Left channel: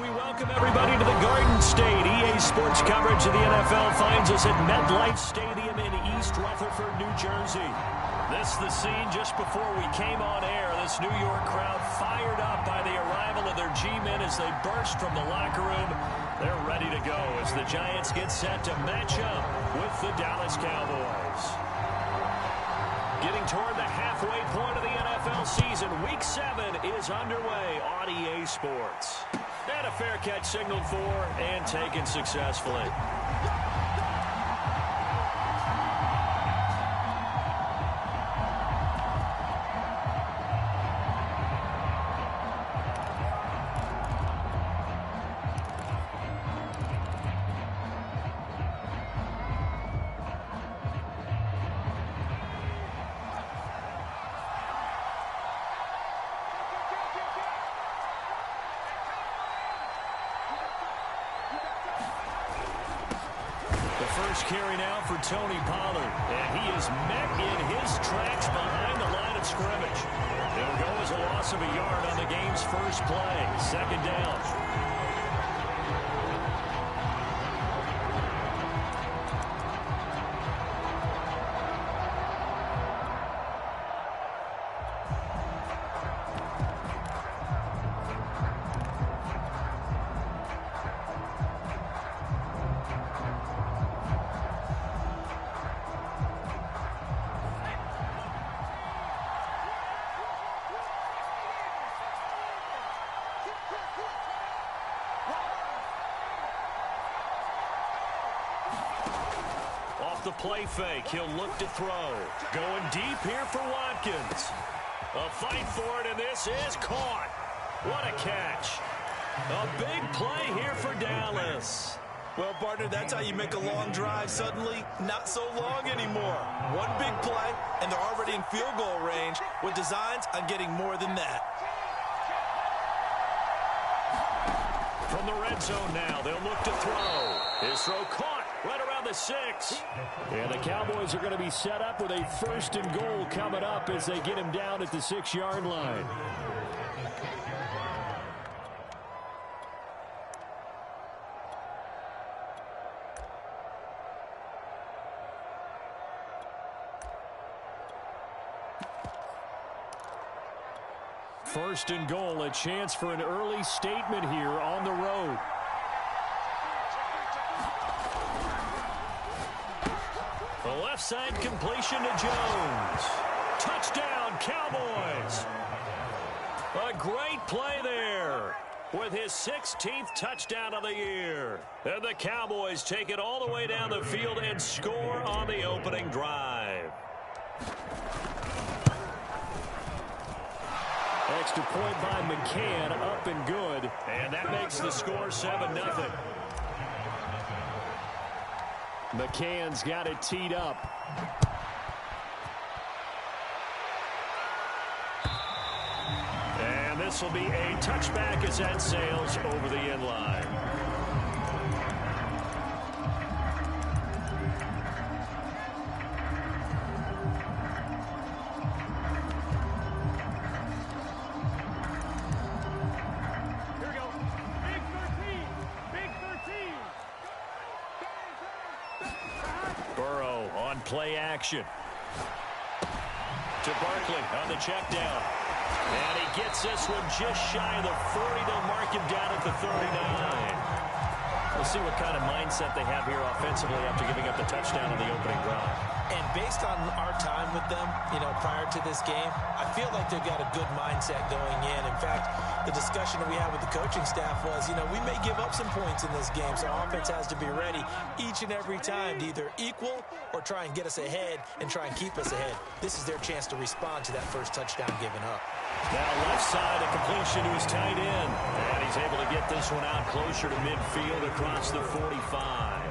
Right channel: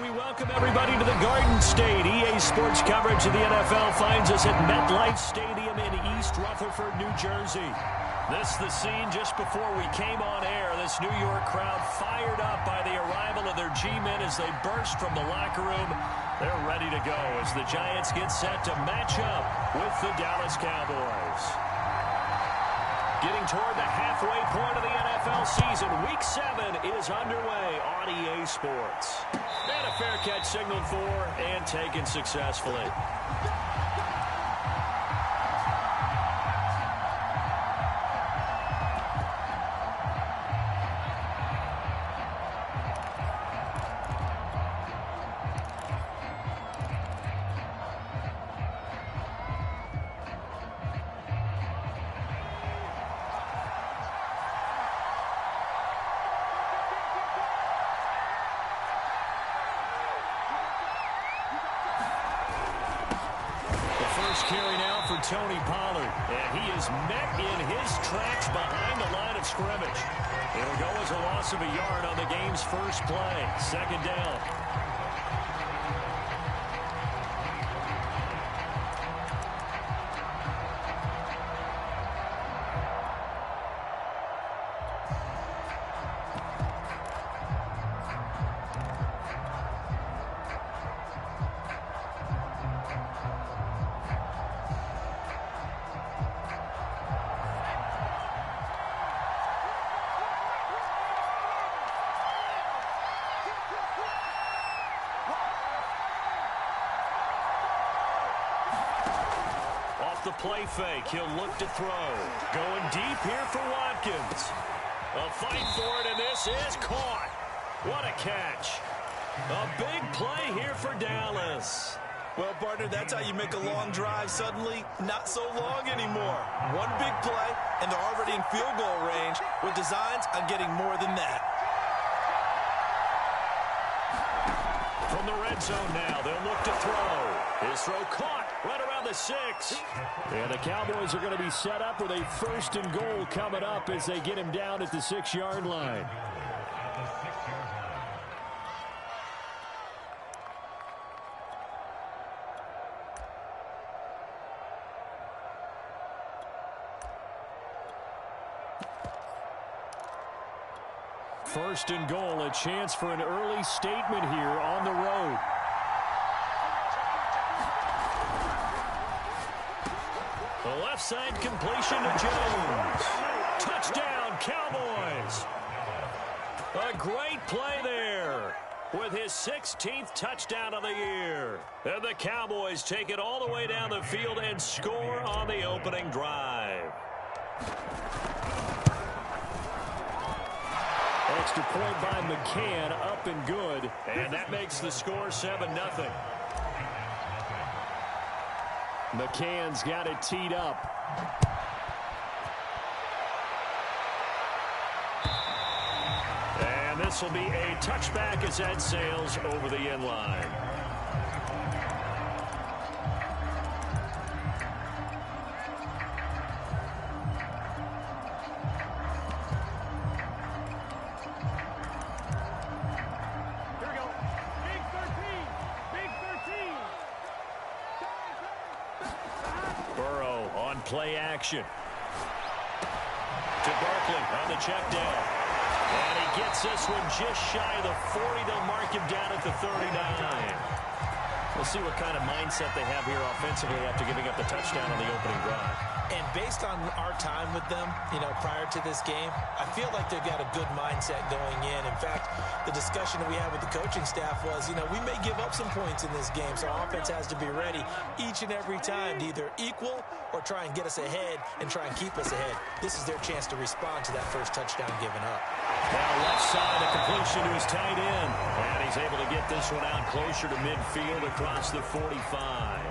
We welcome everybody to the Garden State. EA Sports coverage of the NFL finds us at MetLife Stadium in East Rutherford, New Jersey. This is the scene just before we came on air. This New York crowd fired up by the arrival of their G-men as they burst from the locker room. They're ready to go as the Giants get set to match up with the Dallas Cowboys. Getting toward the halfway point of the NFL season, Week 7 is underway on EA Sports. And a fair catch signaled for and taken successfully. First carry now for Tony Pollard, and he is met in his tracks behind the line of scrimmage. It'll go as a loss of a yard on the game's first play. Second down. Off the play fake, he'll look to throw. Going deep here for Watkins. A fight for it, and this is caught. What a catch. A big play here for Dallas. Well, partner, that's how you make a long drive suddenly not so long anymore. One big play, and they're already in field goal range with designs on getting more than that. From the red zone now, they'll look to throw. His throw caught right around the 6. And the Cowboys are going to be set up with a first and goal coming up as they get him down at the 6-yard line. First and goal, a chance for an early statement here on the road. The left side completion to Jones. Touchdown, Cowboys. A great play there with his 16th touchdown of the year. And the Cowboys take it all the way down the field and score on the opening drive. Extra point by McCann, up and good. And that makes the score 7-0. McCann's got it teed up. And this will be a touchback as that sails over the end line. Play action to Barkley on the check down. And he gets this one just shy of the 40. They'll mark him down at the 39. We'll see what kind of mindset they have here offensively after giving up the touchdown on the opening drive. And based on our time with them, prior to this game, I feel like they've got a good mindset going in. In fact, the discussion that we had with the coaching staff was, we may give up some points in this game, so offense has to be ready each and every time to either equal or try and get us ahead and try and keep us ahead. This is their chance to respond to that first touchdown given up. Now left side, a completion to his tight end. And he's able to get this one out closer to midfield across the 45.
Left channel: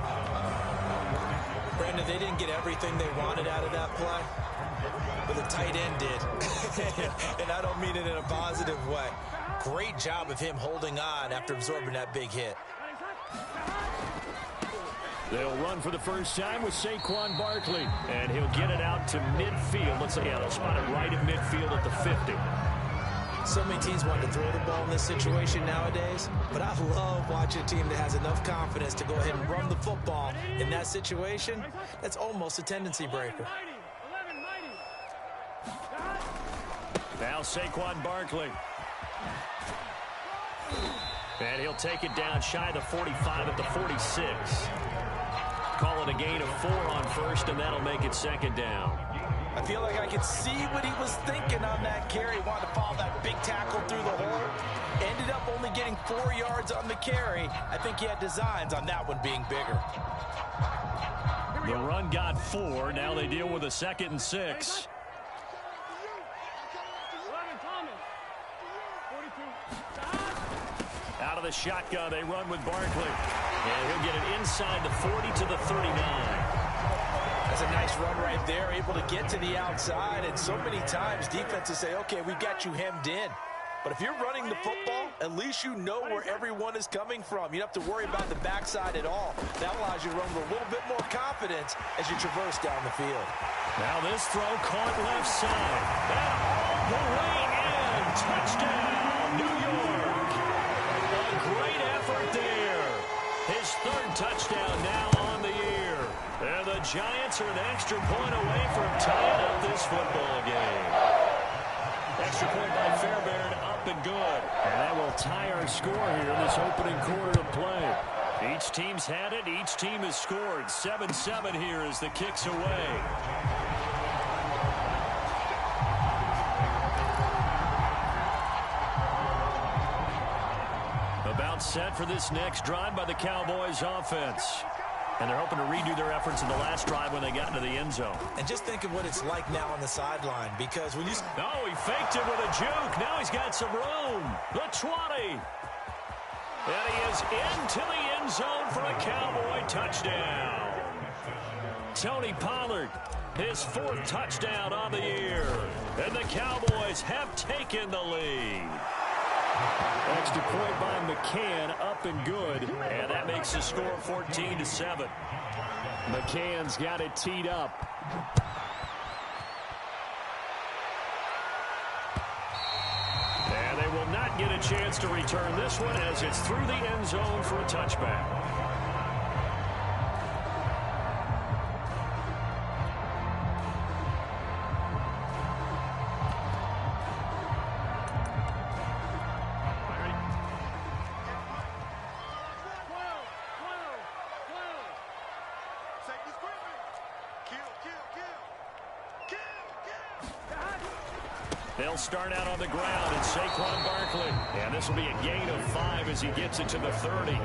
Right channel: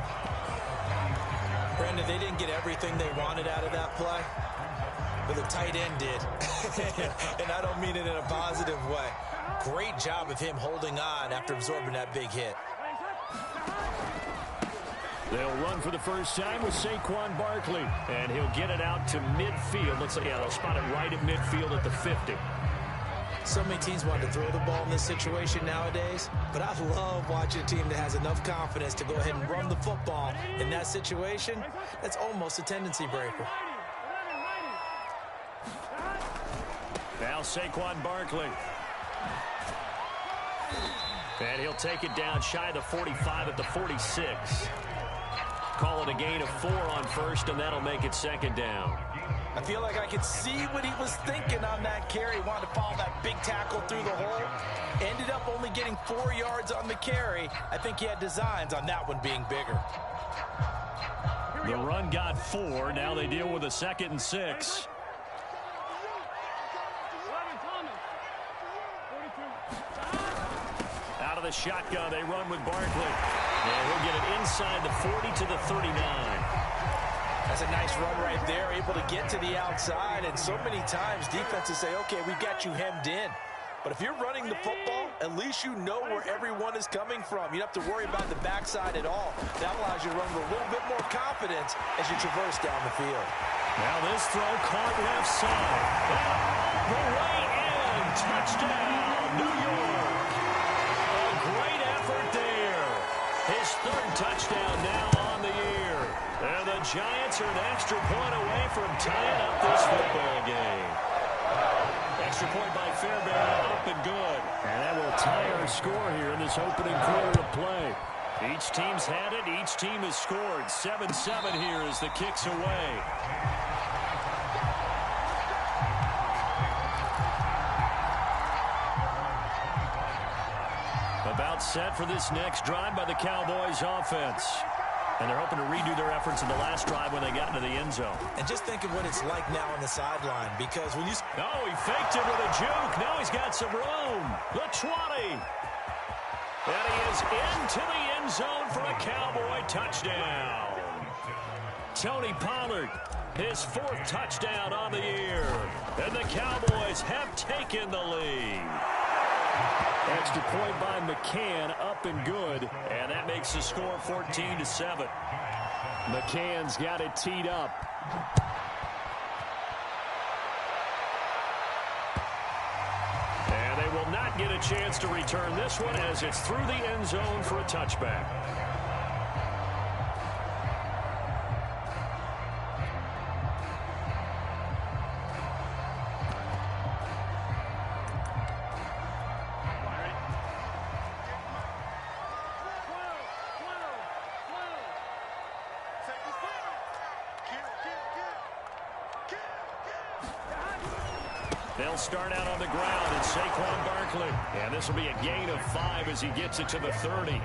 Brandon, they didn't get everything they wanted out of that play, but the tight end did. And I don't mean it in a positive way. Great job of him holding on after absorbing that big hit. They'll run for the first time with Saquon Barkley, and he'll get it out to midfield. Looks like, they'll spot it right at midfield at the 50. So many teams want to throw the ball in this situation nowadays, but I love watching a team that has enough confidence to go ahead and run the football in that situation. That's almost a tendency breaker. Now Saquon Barkley. And he'll take it down shy of the 45 at the 46. Call it a gain of 4 on first, and that'll make it second down. I feel like I could see what he was thinking on that carry. He wanted to follow that big tackle through the hole. Ended up only getting 4 yards on the carry. I think he had designs on that one being bigger. The run got 4. Now they deal with a 2nd and 6. Out of the shotgun, they run with Barkley. And he'll get it inside the 40 to the 39. That's a nice run right there, able to get to the outside. And so many times defenses say, okay, we've got you hemmed in. But if you're running the football, at least you know where everyone is coming from. You don't have to worry about the backside at all. That allows you to run with a little bit more confidence as you traverse down the field. Now this throw caught left side. And all the way in. Touchdown, New York. A great effort there. His 3rd touchdown now on the year. And the Giants are an extra point away from tying up this football game. Extra point by Fairbairn, up and good. And that will tie our score here in this opening quarter of play. Each team's had it. Each team has scored. 7-7 here as the kick's away. About set for this next drive by the Cowboys offense. And they're hoping to redo their efforts in the last drive when they got into the end zone. And just think of what it's like now on the sideline, because when you... Oh, he faked it with a juke. Now he's got some room. The 20. And he is into the end zone for a Cowboy touchdown. Tony Pollard, his 4th touchdown on the year. And the Cowboys have taken the lead. Extra point by McCann, up and good. And that makes the score 14-7. McCann's got it teed up. And they will not get a chance to return this one as it's through the end zone for a touchback. They'll start out on the ground, and Saquon Barkley. And this will be a gain of 5 as he gets it to the 30.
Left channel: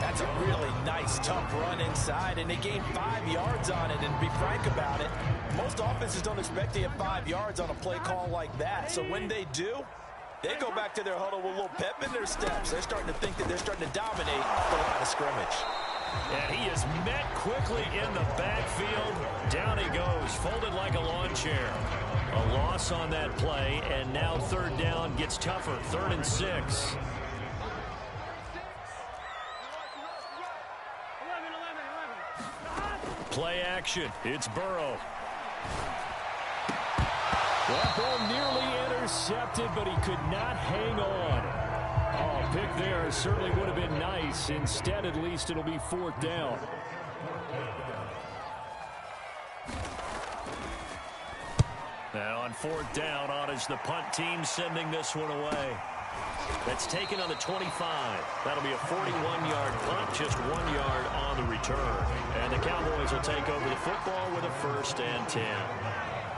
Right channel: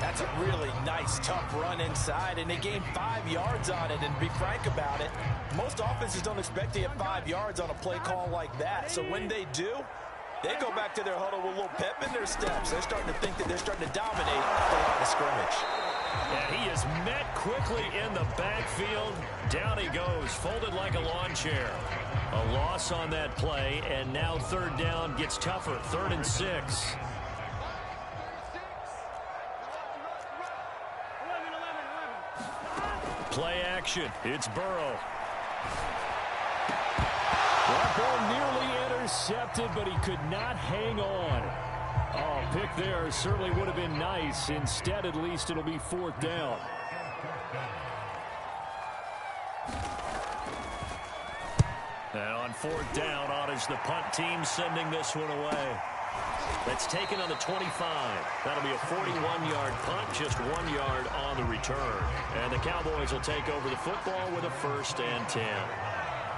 That's a really nice, tough run inside, and they gained 5 yards on it. And to be frank about it, most offenses don't expect to get 5 yards on a play call like that. So when they do, they go back to their huddle with a little pep in their steps. They're starting to think that they're starting to dominate the line of scrimmage. And he is met quickly in the backfield. Down he goes, folded like a lawn chair. A loss on that play, and now 3rd down gets tougher. 3rd and 6. Play action. It's Burrow. That ball nearly intercepted, but he could not hang on. Oh, pick there certainly would have been nice. Instead, at least, it'll be 4th down. And on 4th down, on is the punt team sending this one away. That's taken on the 25. That'll be a 41-yard punt, just 1 yard on the return. And the Cowboys will take over the football with a 1st and 10.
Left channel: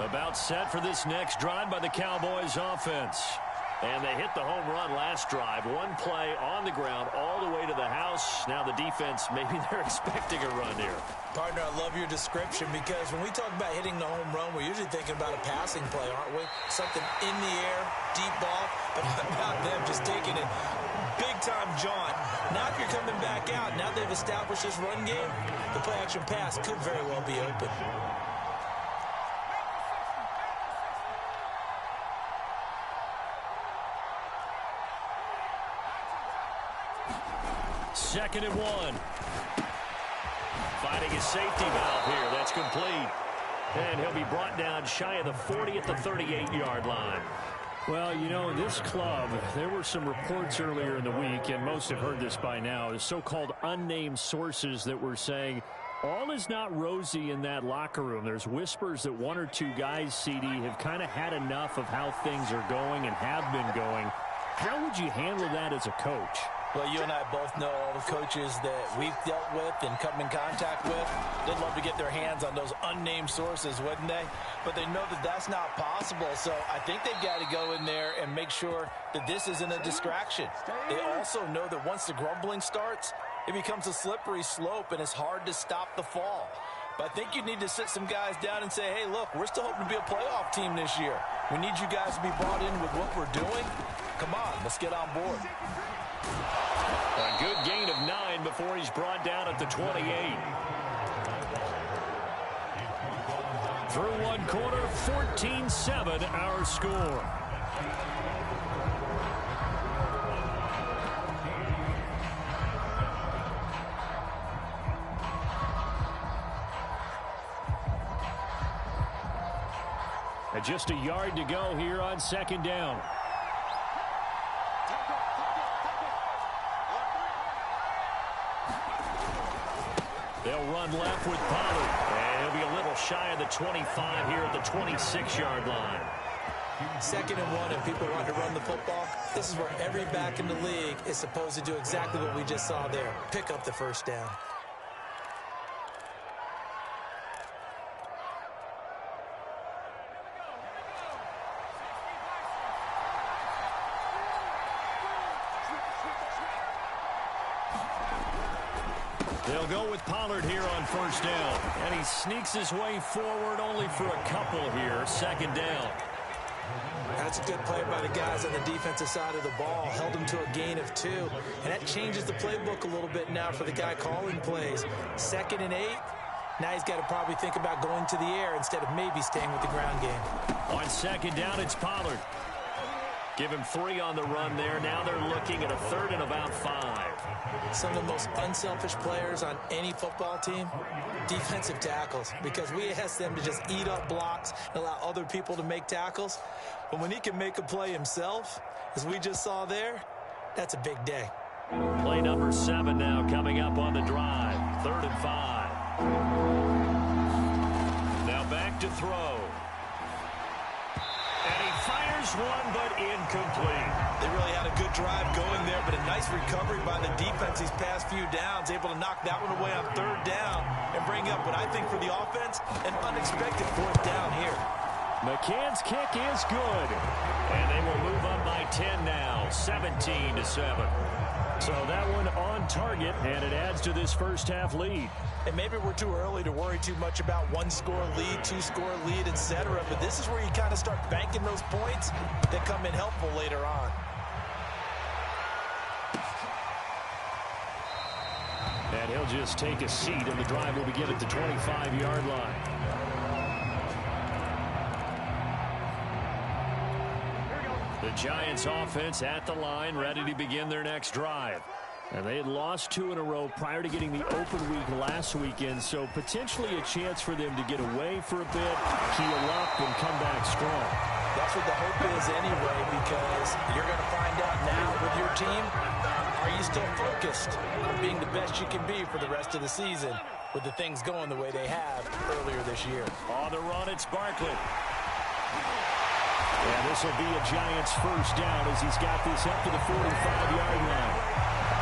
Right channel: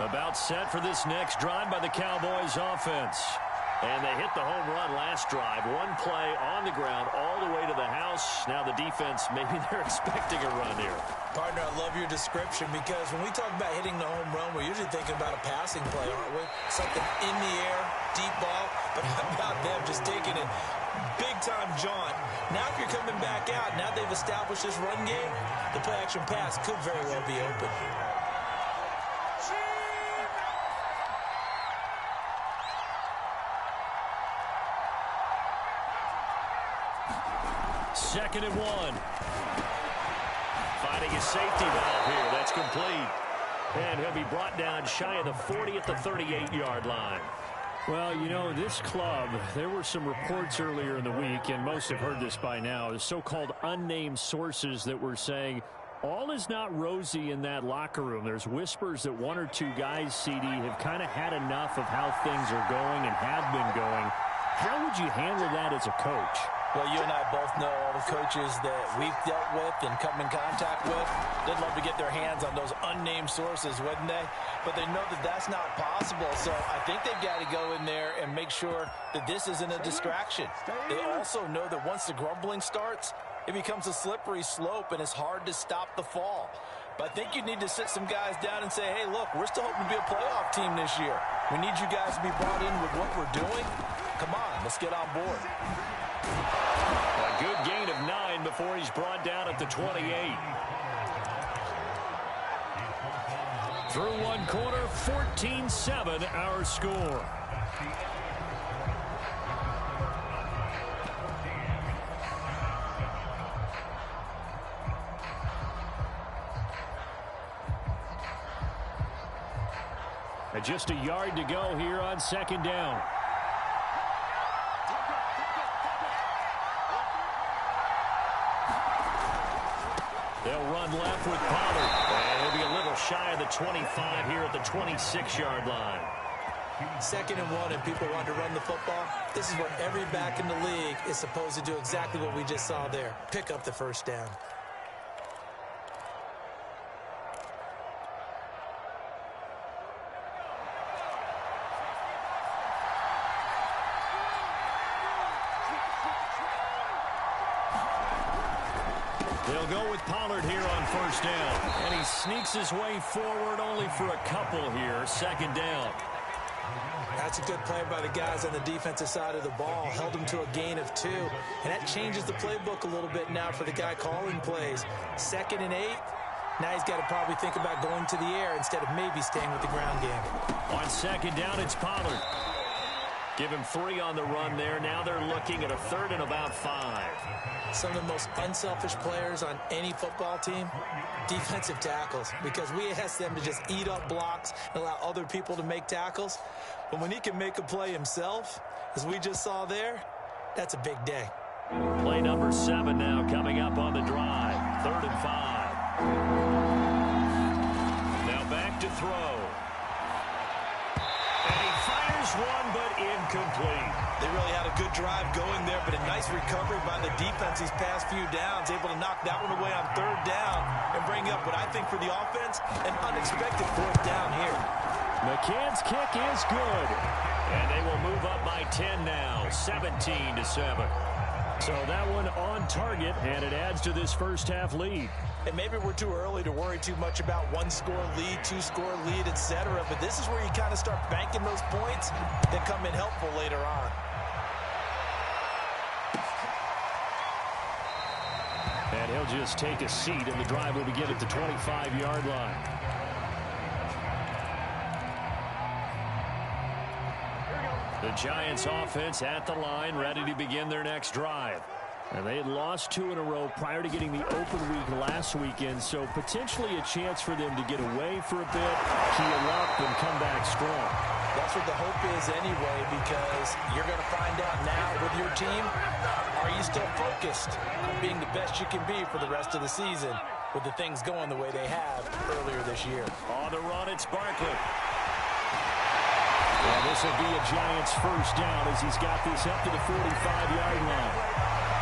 About set for this next drive by the Cowboys offense. And they hit the home run last drive. 1 play on the ground all the way to the house. Now the defense, maybe they're expecting a run here. Partner, I love your description, because when we talk about hitting the home run, we're usually thinking about a passing play, aren't we? Something in the air, deep ball. But how about them just taking it big-time jaunt? Now if you're coming back out, now they've established this run game, the play-action pass could very well be open. Second and 1. Finding his safety valve here. That's complete. And he'll be brought down shy of the 40 at the 38-yard line. Well, you know, this club, there were some reports earlier in the week, and most have heard this by now, the so-called unnamed sources that were saying all is not rosy in that locker room. There's whispers that one or two guys, CD, have kind of had enough of how things are going and have been going. How would you handle that as a coach? Well, you and I both know all the coaches that we've dealt with and come in contact with. They'd love to get their hands on those unnamed sources, wouldn't they? But they know that that's not possible. So I think they've got to go in there and make sure that this isn't a distraction. They also know that once the grumbling starts, it becomes a slippery slope, and it's hard to stop the fall. But I think you need to sit some guys down and say, hey, look, we're still hoping to be a playoff team this year. We need you guys to be brought in with what we're doing. Come on, let's get on board. A good gain of 9 before he's brought down at the 28. Through one quarter, 14-7 our score. And just a yard to go here on second down. They'll run left with Pollard. And he'll be a little shy of the 25 here at the 26-yard line. 2nd and 1, and people want to run the football. This is where every back in the league is supposed to do exactly what we just saw there. Pick up the first down. They'll go with Pollard here on first down. And he sneaks his way forward only for a couple here. 2nd down. That's a good play by the guys on the defensive side of the ball. Held him to a gain of 2. And that changes the playbook a little bit now for the guy calling plays. 2nd and 8. Now he's got to probably think about going to the air instead of maybe staying with the ground game. On 2nd down, it's Pollard. Give him 3 on the run there. Now they're looking at a 3rd and about 5. Some of the most unselfish players on any football team, defensive tackles, because we ask them to just eat up blocks and allow other people to make tackles. But when he can make a play himself, as we just saw there, that's a big day. Play number 7 now coming up on the drive. 3rd and 5. Now back to throw. And he fires one, but incomplete. They really had a good drive going there, but a nice recovery by the defense these past few downs, able to knock that one away on 3rd down and bring up what I think for the offense, an unexpected 4th down here. McCann's kick is good. And they will move up by 10 now, 17-7. So that one on target, and it adds to this first half lead. And maybe we're too early to worry too much about 1-score lead, 2-score lead, etc. But this is where you kind of start banking those points that come in helpful later on. And he'll just take a seat, and the drive will begin at the 25-yard line. The Giants offense at the line, ready to begin their next drive. And they had lost 2 in a row prior to getting the open week last weekend, so potentially a chance for them to get away for a bit, heal up, and come back strong. That's what the hope is anyway, because you're going to find out now with your team, are you still focused on being the best you can be for the rest of the season with the things going the way they have earlier this year? On the run, it's Barkley. And this will be a Giants first down as he's got this up to the 45-yard line.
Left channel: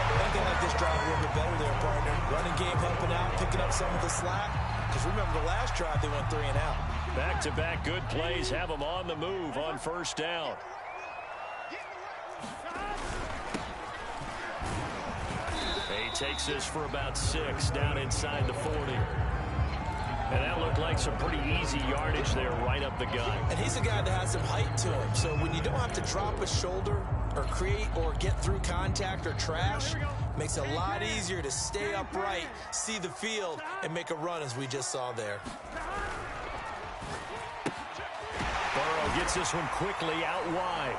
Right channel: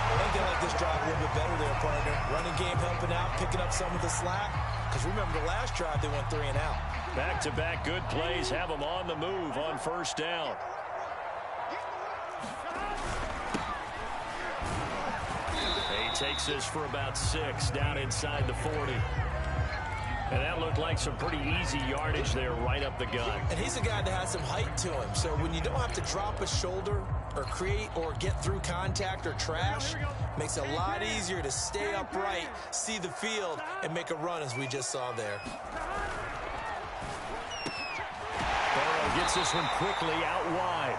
I think they like this drive a little bit better there, partner. Running game helping out, picking up some of the slack. Because remember, the last drive, they went 3 and out. Back-to-back good plays have them on the move on first down. He takes this for about 6 down inside the 40. And that looked like some pretty easy yardage there right up the gut. And he's a guy that has some height to him. So when you don't have to drop a shoulder or create or get through contact or trash, makes it a lot easier to stay upright, see the field, and make a run as we just saw there. Burrow gets this one quickly out wide.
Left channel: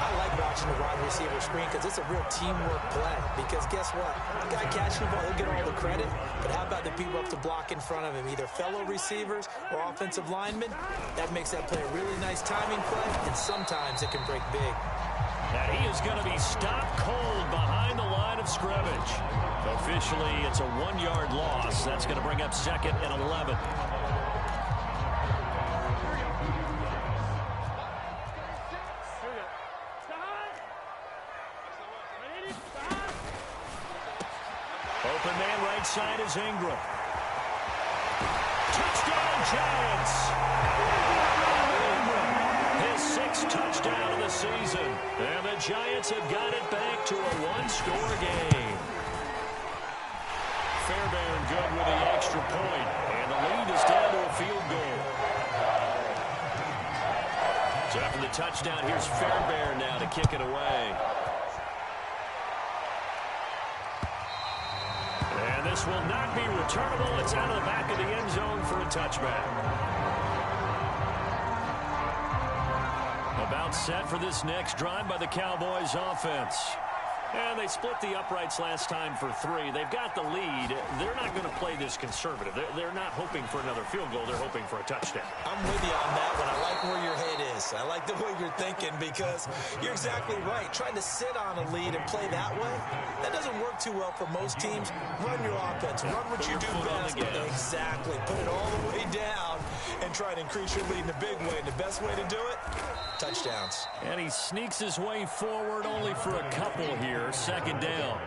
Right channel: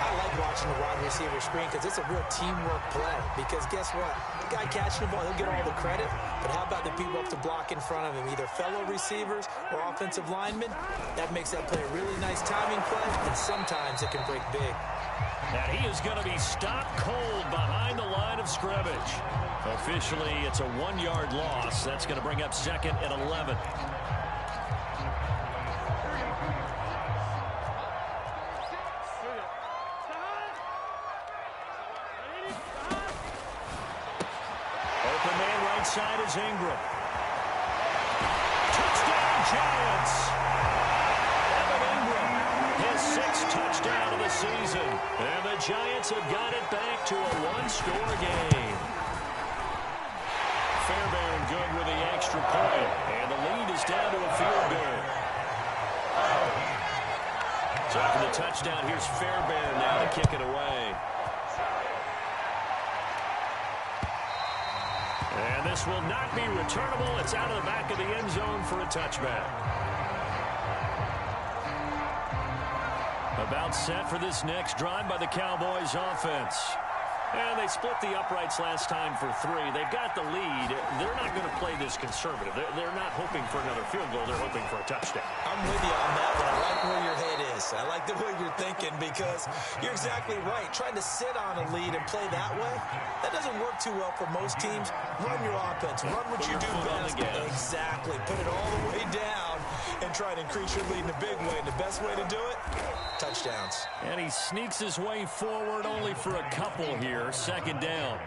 I like watching watching the wide receiver screen because it's a real teamwork play. Because guess what? The guy catching the ball, he'll get all the credit. But how about the people up to block in front of him, either fellow receivers or offensive linemen? That makes that play a really nice timing play, and sometimes it can break big. And he is going to be stopped cold behind the line of scrimmage. Officially, it's a 1-yard loss. That's going to bring up 2nd and 11. Open man right side is Ingram. Touchdown, Giants! Evan Ingram, his 6th touchdown of the season. And the Giants have got it back to a 1-score game. Fairbairn good with the extra point. And the lead is down to a field goal. So after the touchdown, here's Fairbairn now to kick it away. And this will not be returnable. It's out of the back of the end zone for a touchback. About set for this next drive by the Cowboys offense. And they split the uprights last time for 3. They've got the lead. They're not going to play this conservative. They're not hoping for another field goal. They're hoping for a touchdown. I'm with you on that one. I like where your head is. I like the way you're thinking because you're exactly right. Trying to sit on a lead and play that way, that doesn't work too well for most teams. Run your offense. Run what you do best. Exactly. Put it all the way down and try to increase your lead in a big way. And the best way to do it, touchdowns. And he sneaks his way forward only for a couple here. 2nd down.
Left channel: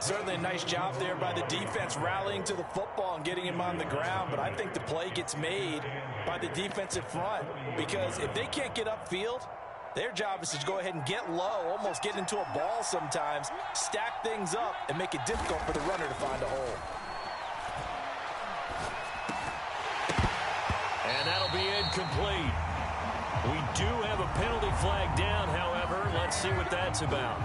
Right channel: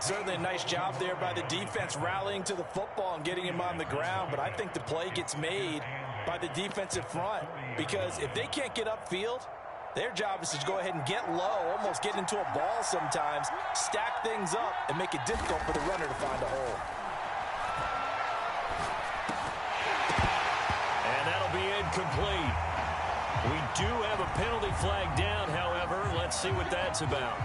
Certainly a nice job there by the defense rallying to the football and getting him on the ground, but I think the play gets made by the defensive front because if they can't get upfield, their job is to go ahead and get low, almost get into a ball sometimes, stack things up, and make it difficult for the runner to find a hole. And that'll be incomplete. We do have a penalty flag down, however. Let's see what that's about.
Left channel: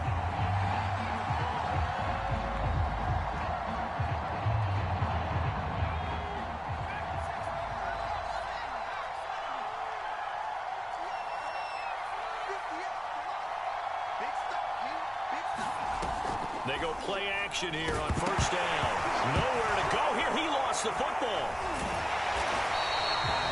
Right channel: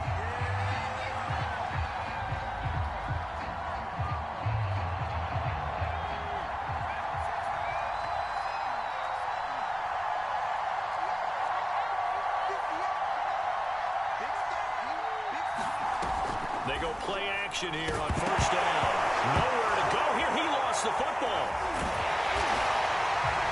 They go play action here on 1st down. Nowhere to go here. He lost the football.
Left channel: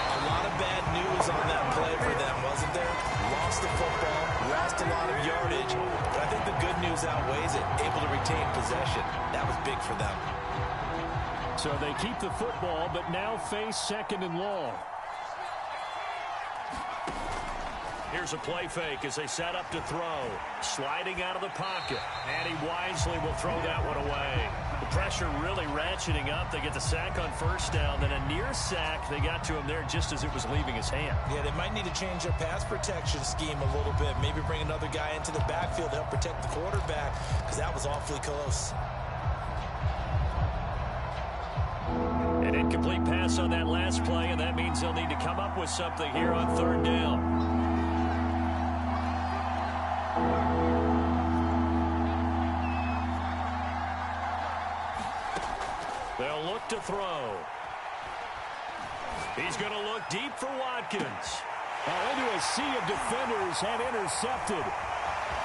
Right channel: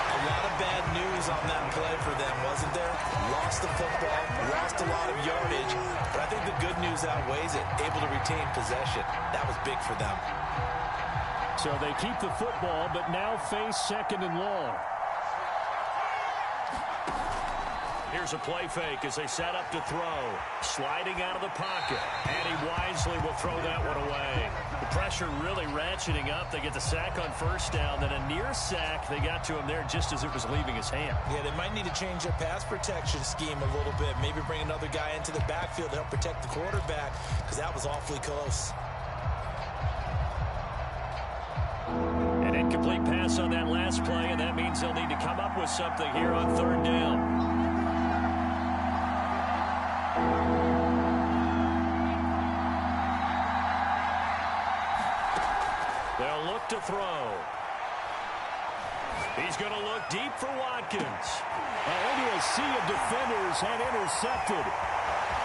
A lot of bad news on that play for them, wasn't there? Lost the football, lost a lot of yardage, but I think the good news outweighs it. Able to retain possession. That was big for them. So they keep the football, but now face 2nd and long. Here's a play fake as they set up to throw. Sliding out of the pocket. And he wisely will throw that one away. The pressure really ratcheting up. They get the sack on 1st down. Then a near sack. They got to him there just as it was leaving his hand. Yeah, they might need to change their pass protection scheme a little bit. Maybe bring another guy into the backfield to help protect the quarterback because that was awfully close. An incomplete pass on that last play, and that means they'll need to come up with something here on 3rd down. They'll look to throw. He's going to look deep for Watkins. Into a sea of defenders and intercepted.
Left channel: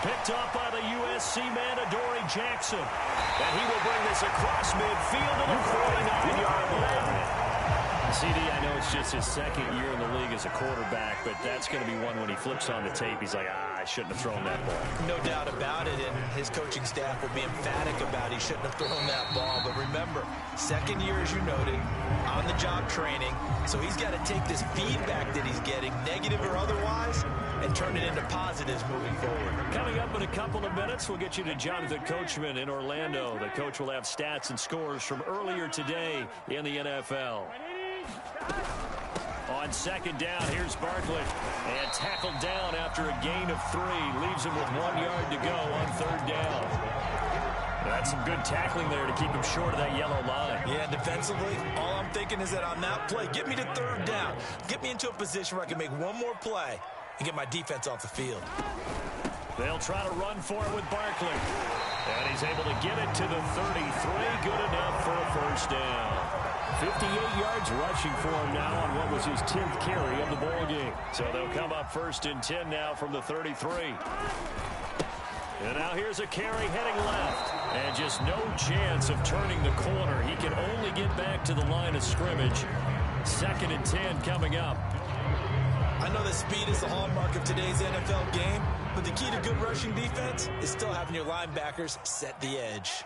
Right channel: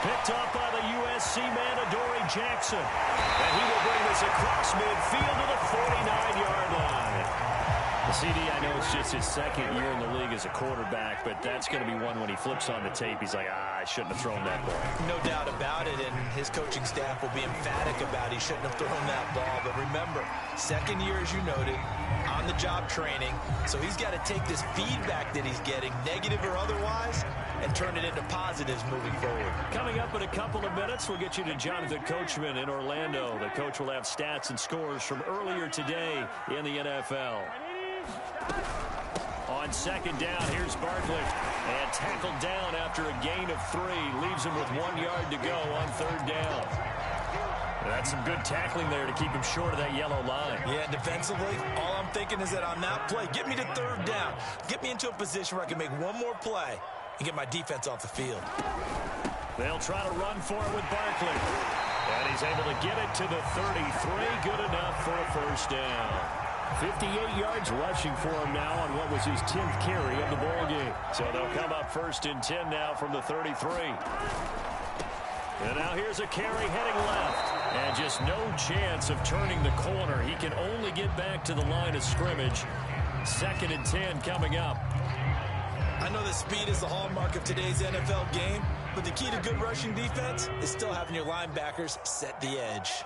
Picked up by the USC man, Adoree Jackson. And he will bring this across midfield to the 49-yard line. CD, I know it's just his 2nd year in the league as a quarterback, but that's going to be one when he flips on the tape. He's like, I shouldn't have thrown that ball. No doubt about it, and his coaching staff will be emphatic about he shouldn't have thrown that ball. But remember, 2nd year, as you noted, on-the-job training, so he's got to take this feedback that he's getting, negative or otherwise, and turn it into positives moving forward. Coming up in a couple of minutes, we'll get you to Jonathan Coachman in Orlando. The coach will have stats and scores from earlier today in the NFL. On 2nd down, here's Barkley. And tackled down after a gain of 3. Leaves him with 1 yard to go on 3rd down. That's some good tackling there to keep him short of that yellow line. Yeah, defensively, all I'm thinking is that on that play, get me to 3rd down. Get me into a position where I can make one more play and get my defense off the field. They'll try to run for it with Barkley. And he's able to get it to the 33. Good enough for a 1st down. 58 yards rushing for him now on what was his 10th carry of the ball game. So they'll come up 1st and 10 now from the 33. And now here's a carry heading left. And just no chance of turning the corner. He can only get back to the line of scrimmage. 2nd and 10 coming up. I know that speed is the hallmark of today's NFL game, but the key to good rushing defense is still having your linebackers set the edge.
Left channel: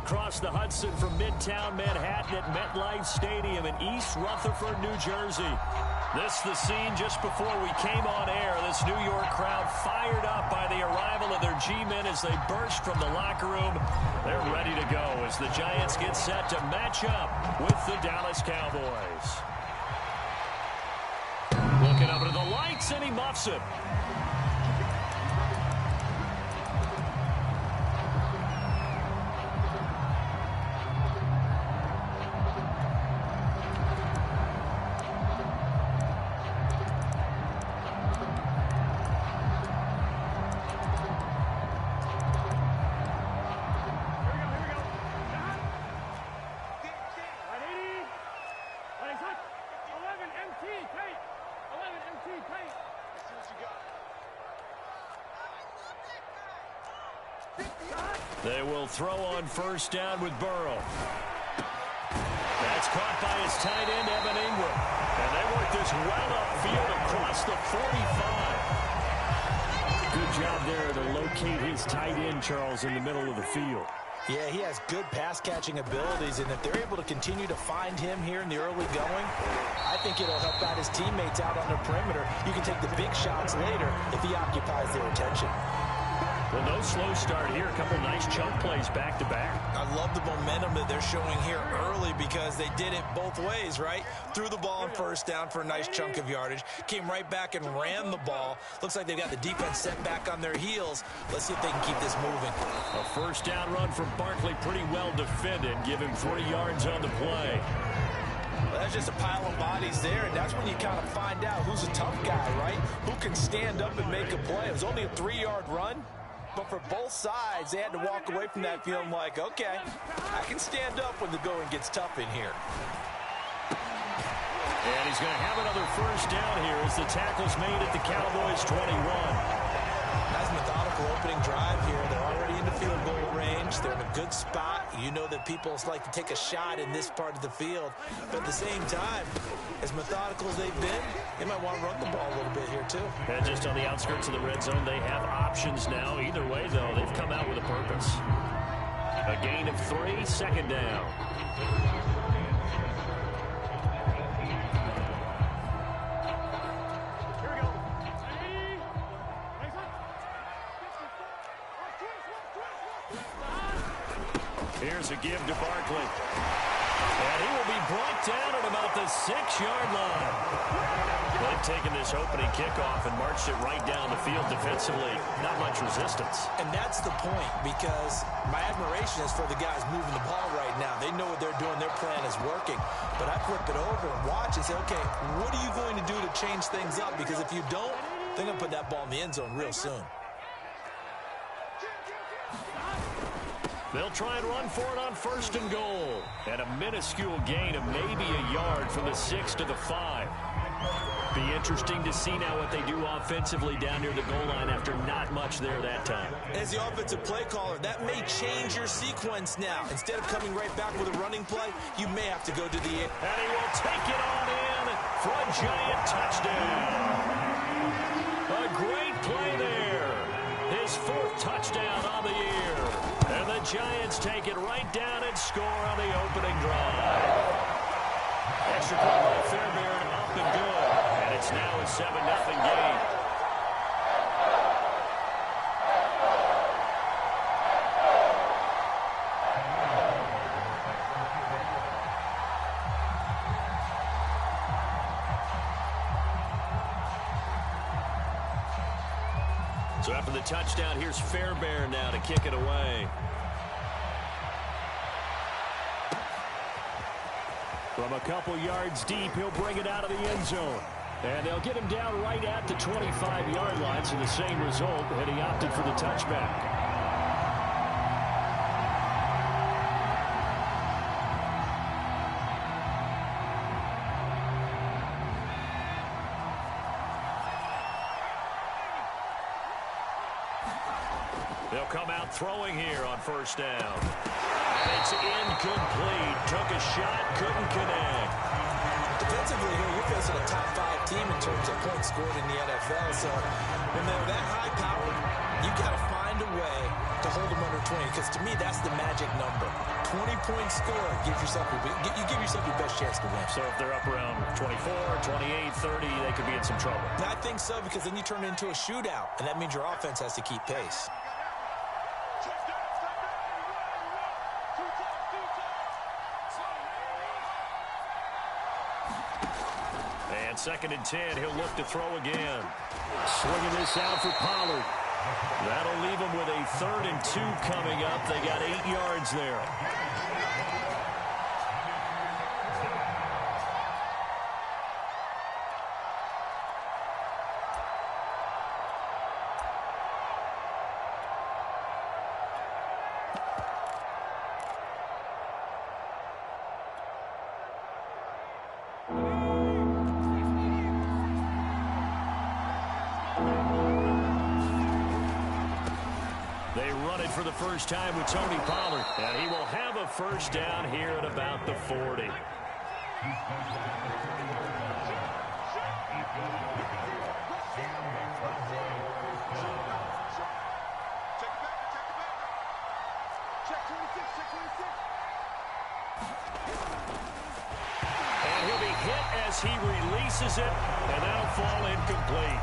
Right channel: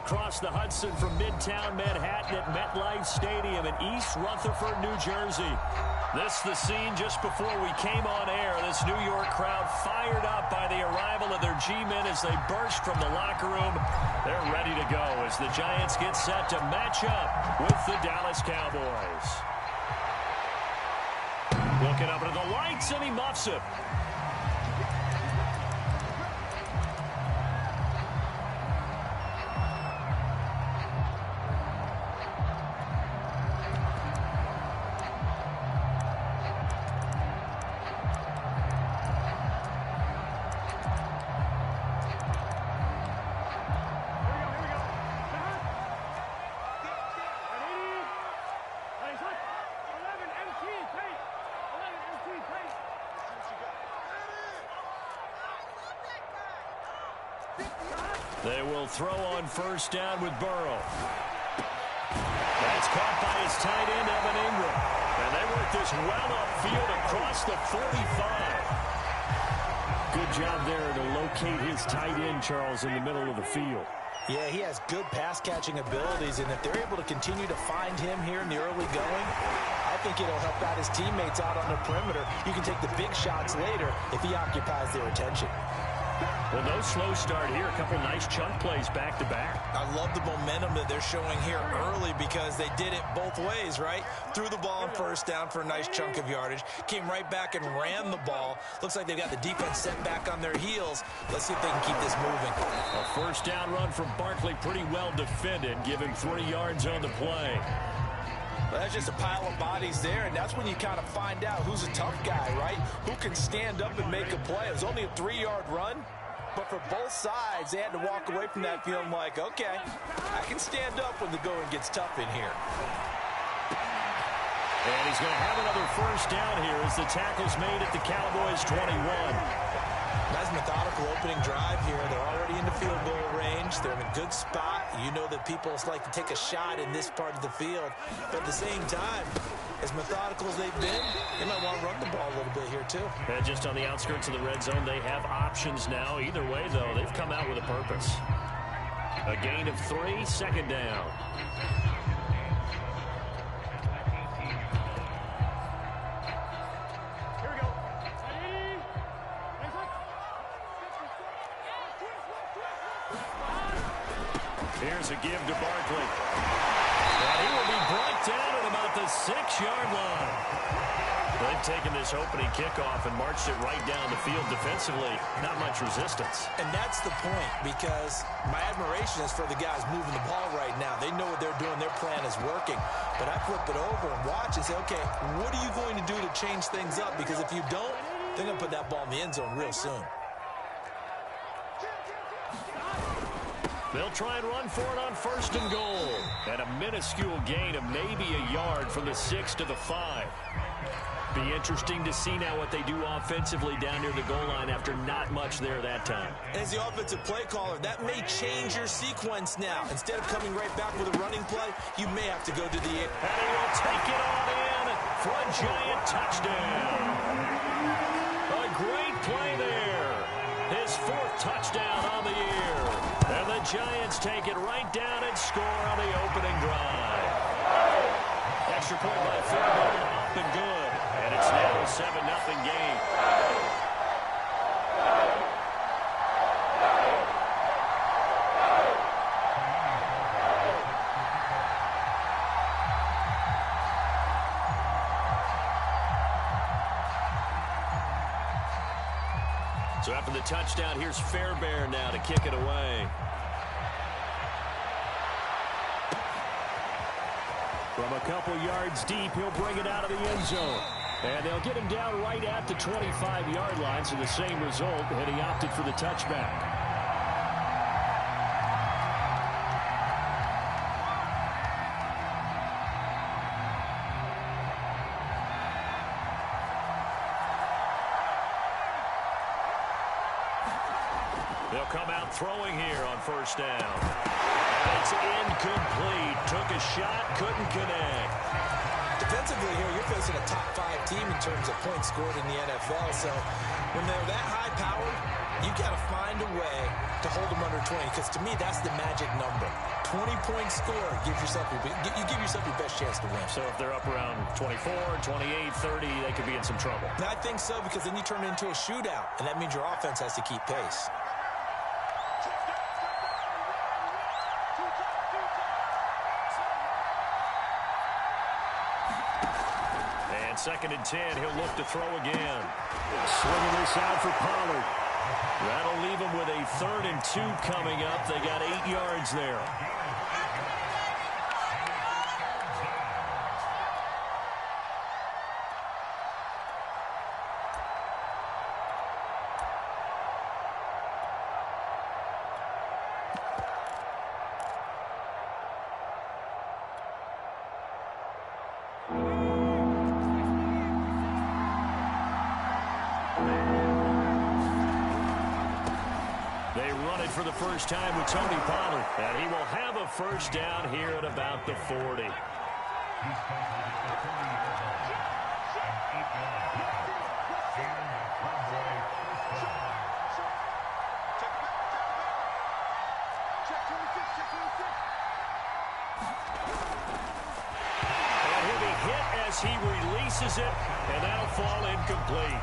across the Hudson from Midtown Manhattan at MetLife Stadium in East Rutherford, New Jersey. This the scene just before we came on air. This New York crowd fired up by the arrival of their G-men as they burst from the locker room. They're ready to go as the Giants get set to match up with the Dallas Cowboys. Looking up into the lights, and he muffs it. They will throw on first down with Burrow. That's caught by his tight end, Evan Ingram. And they work this well upfield across the 45. Good job there to locate his tight end, Charles, in the middle of the field. Yeah, he has good pass-catching abilities, and if they're able to continue to find him here in the early going, I think it'll help out his teammates out on the perimeter. You can take the big shots later if he occupies their attention. Well, no slow start here. A couple nice chunk plays back-to-back. I love the momentum that they're showing here early because they did it both ways, right? Threw the ball on first down for a nice chunk of yardage. Came right back and ran the ball. Looks like they've got the defense set back on their heels. Let's see if they can keep this moving. A first down run from Barkley, pretty well defended. Give him 3 yards on the play. Well, that's just a pile of bodies there, and that's when you kind of find out who's a tough guy, right? Who can stand up and make a play. It was only a 3-yard run. But for both sides, they had to walk away from that feeling like, okay, I can stand up when the going gets tough in here. And he's going to have another first down here as the tackle's made at the Cowboys' 21. Nice methodical opening drive here. They're already in the field goal range. They're in a good spot. You know that people like to take a shot in this part of the field. But at the same time, as methodical as they've been, they might want to run the ball a little bit here too. And just on the outskirts of the red zone, they have options now. Either way, though, they've come out with a purpose. A gain of 3, second down. Here's a give to Barkley. And he will be brought down at about the 6-yard line. They've taken this opening kickoff and marched it right down the field defensively. Not much resistance. And that's the point, because my admiration is for the guys moving the ball right now. They know what they're doing. Their plan is working. But I flip it over and watch and say, okay, what are you going to do to change things up? Because if you don't, they're going to put that ball in the end zone real soon. They'll try and run for it on first and goal. And a minuscule gain of maybe a yard from the 6 to the 5. Be interesting to see now what they do offensively down near the goal line after not much there that time. As the offensive play caller, that may change your sequence now. Instead of coming right back with a running play, you may have to go to the air. And he will take it on in for a Giant touchdown. A great play there. His 4th touchdown on the year. And the Giants take it right down and score on the opening drive. Extra point by Fairbairn, up and good. And it's now a 7-0 game. So after the touchdown, here's Fairbairn now to kick it away. From a couple yards deep, he'll bring it out of the end zone. And they'll get him down right at the 25-yard line, so the same result, and he opted for the touchback. They'll come out throwing here on first down. And it's incomplete. Took a shot, couldn't connect. Defensively here, you're facing a top 5 team in terms of points scored in the NFL, so When they're that high-powered, you got to find a way to hold them under 20, because to me, that's the magic number. 20-point score, you give yourself your best chance to win. So if they're up around 24, 28, 30, they could be in some trouble. I think so, because then you turn it into a shootout, and that means your offense has to keep pace. And 2nd and 10, he'll look to throw again. Swinging this out for Pollard. That'll leave him with a 3rd and 2 coming up. They got 8 yards there. They run it for the first time with Tony Pollard, and he will have a first down here at about the 40. And he'll be hit as he releases it, and that'll fall incomplete.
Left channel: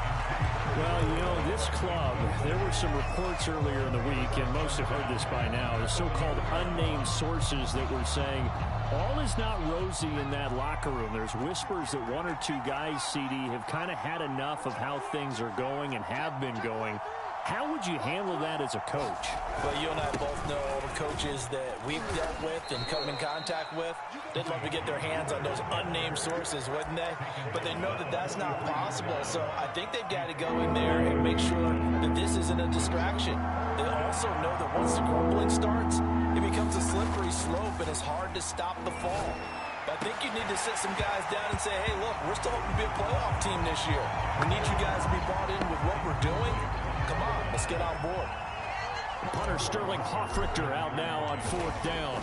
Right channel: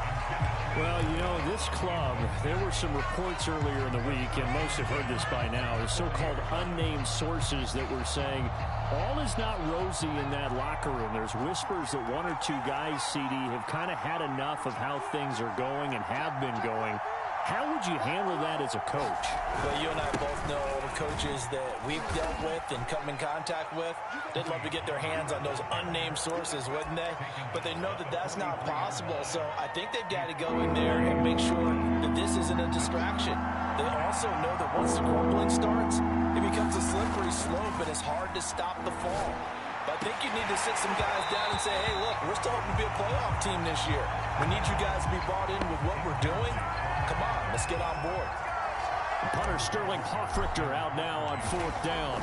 Well, you know, this club, there were some reports earlier in the week, and most have heard this by now, the so-called unnamed sources that were saying all is not rosy in that locker room. There's whispers that 1 or 2 guys, CD, have kind of had enough of how things are going and have been going. How would you handle that as a coach? Well, you and I both know all the coaches that we've dealt with and come in contact with. They'd love to get their hands on those unnamed sources, wouldn't they? But they know that that's not possible. So I think they've got to go in there and make sure that this isn't a distraction. They also know that once the grumbling starts, it becomes a slippery slope and it's hard to stop the fall. But I think you need to sit some guys down and say, hey, look, we're still hoping to be a playoff team this year. We need you guys to be bought in with what we're doing. Come on, let's get on board. Punter Sterling Hoffrichter out now on 4th down.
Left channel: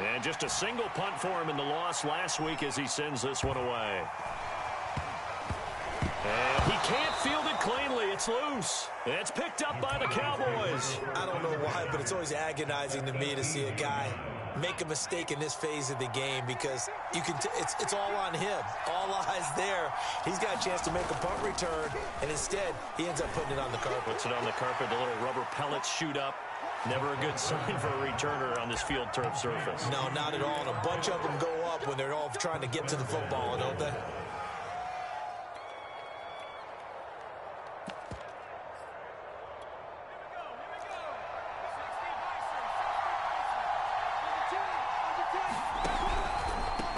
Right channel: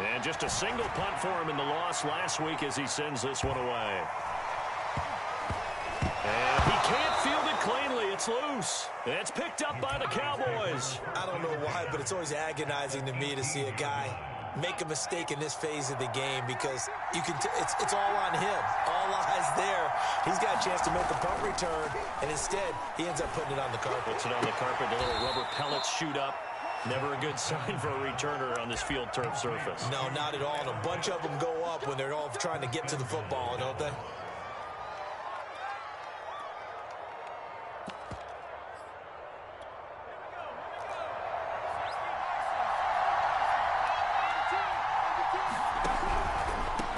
And just a single punt for him in the loss last week as he sends this one away. And he can't field it cleanly. It's loose. It's picked up by the Cowboys. I don't know why, but it's always agonizing to me to see a guy make a mistake in this phase of the game, because you can it's all on him. All eyes there. He's got a chance to make a punt return, and instead he ends up putting it on the carpet. Puts it on the carpet. The little rubber pellets shoot up. Never a good sign for a returner on this field turf surface. No, not at all. And a bunch of them go up when they're all trying to get to the football, don't they?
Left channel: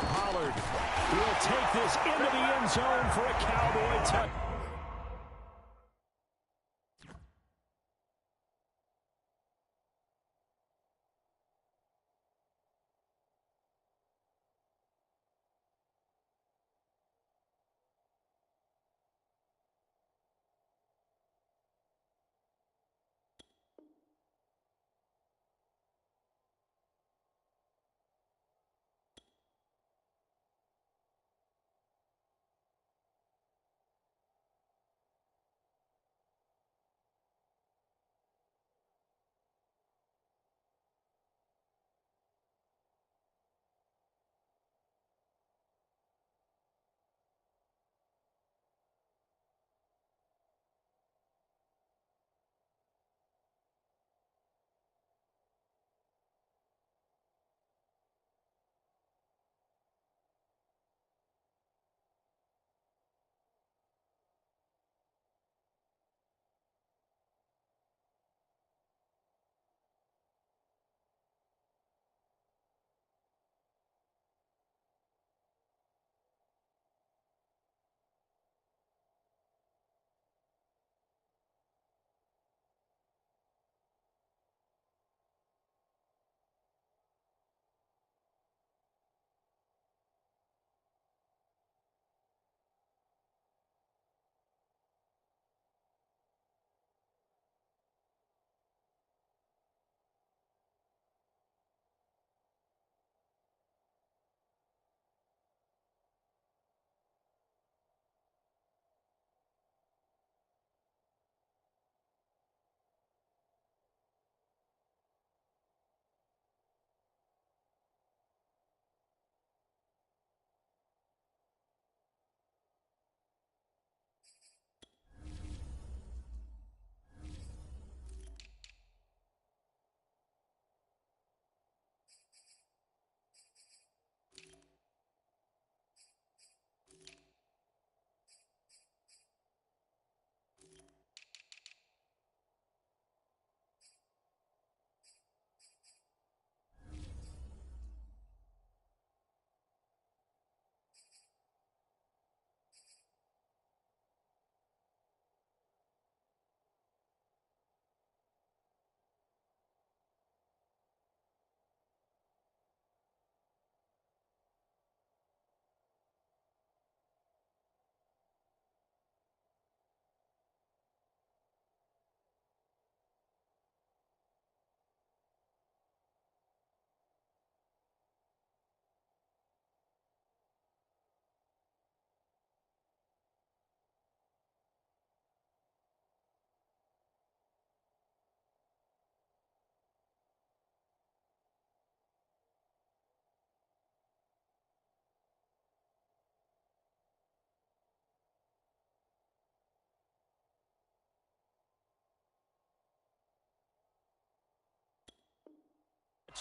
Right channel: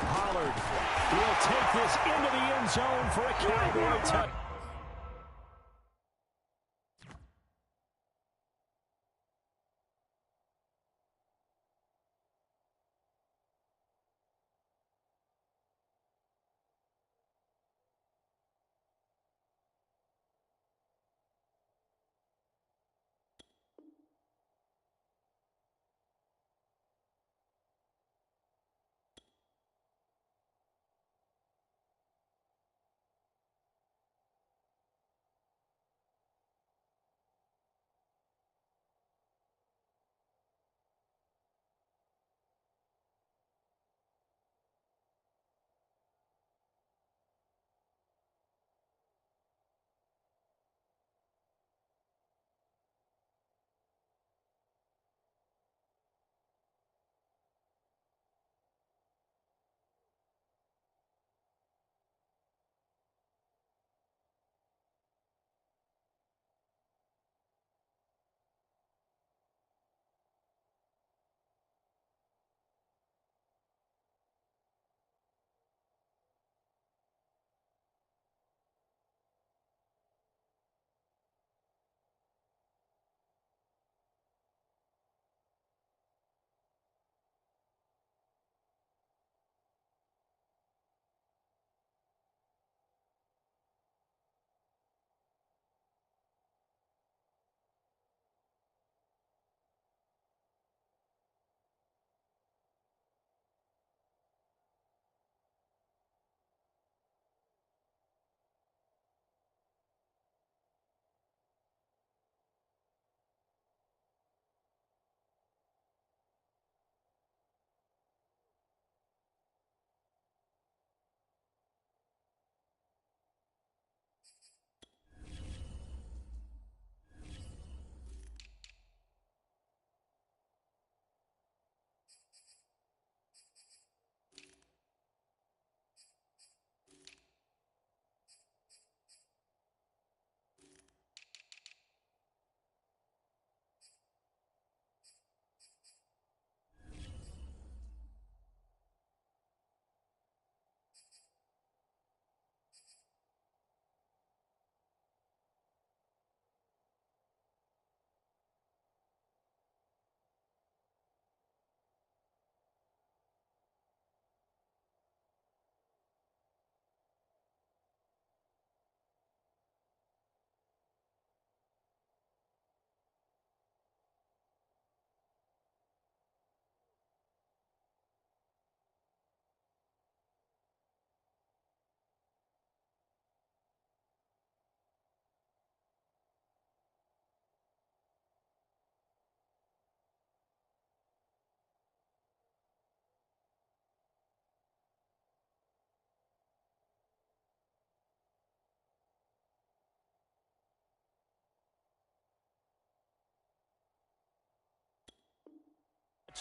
Pollard will take this into the end zone for a Cowboy touchdown.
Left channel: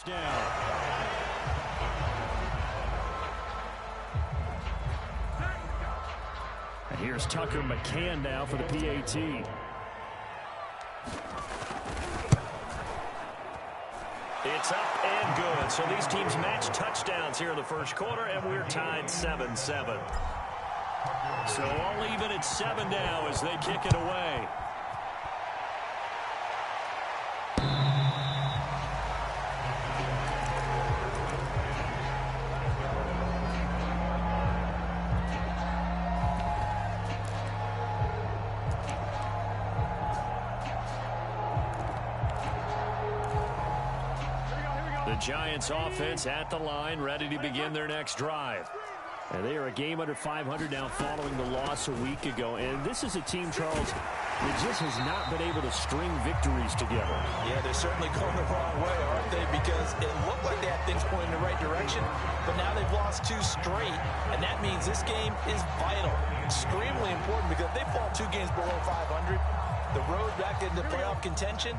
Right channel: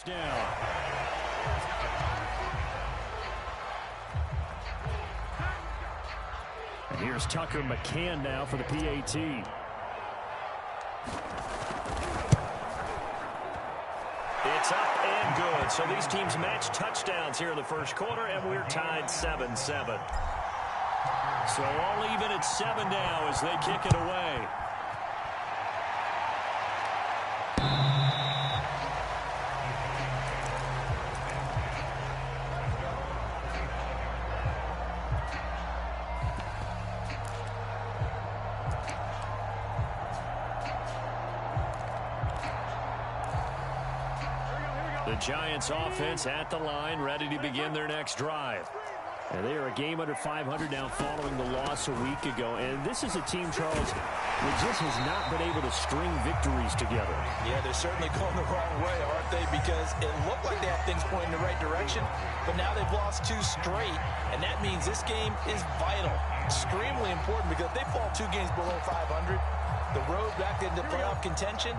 first down. And here's Tucker McCann now for the PAT. It's up and good. So these teams match touchdowns here in the first quarter, and we're tied 7-7. So all even at 7 now as they kick it away. The Giants offense at the line, ready to begin their next drive. And they are a game under 500 now following the loss a week ago. And this is a team, Charles, that just has not been able to string victories together. Yeah, they're certainly going the wrong way, aren't they? Because it looked like they had things pointing in the right direction, but now they've lost 2 straight. And that means this game is vital, extremely important, because if they fall 2 games below 500, the road back into playoff contention,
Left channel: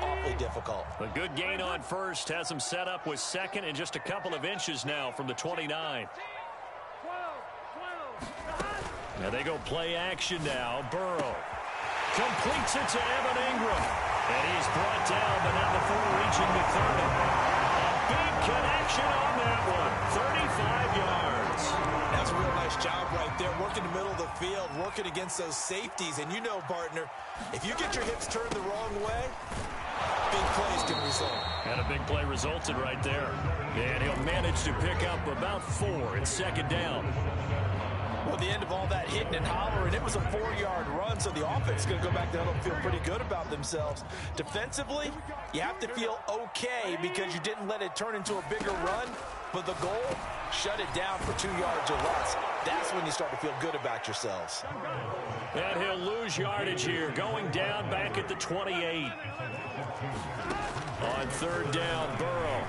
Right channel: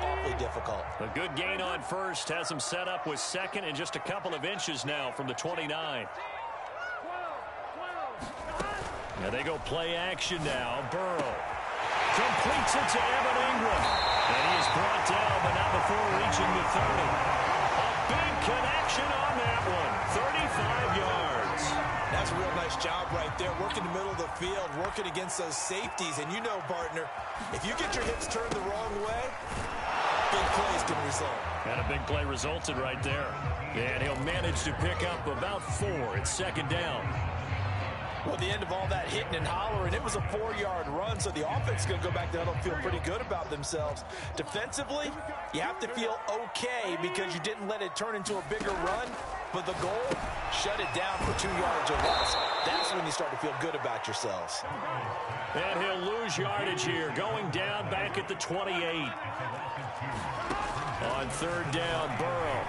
awfully difficult. A good gain on first has them set up with second and just a couple of inches now from the 29. Now they go play action now. Burrow completes it to Evan Ingram. And he is brought down, but not before reaching the 30. A big connection on that one. 35 yards. That's a real nice job right there, working the middle of the field, working against those safeties. And you know, partner, if you get your hips turned the wrong way, big plays can result. And a big play resulted right there. And he'll manage to pick up about 4 at second down. Well, at the end of all that hitting and hollering, it was a 4-yard run, so the offense is going to go back down and feel pretty good about themselves. Defensively, you have to feel okay because you didn't let it turn into a bigger run, but the goal, shut it down for 2 yards or less. That's when you start to feel good about yourselves. And he'll lose yardage here, going down back at the 28. On third down, Burrow.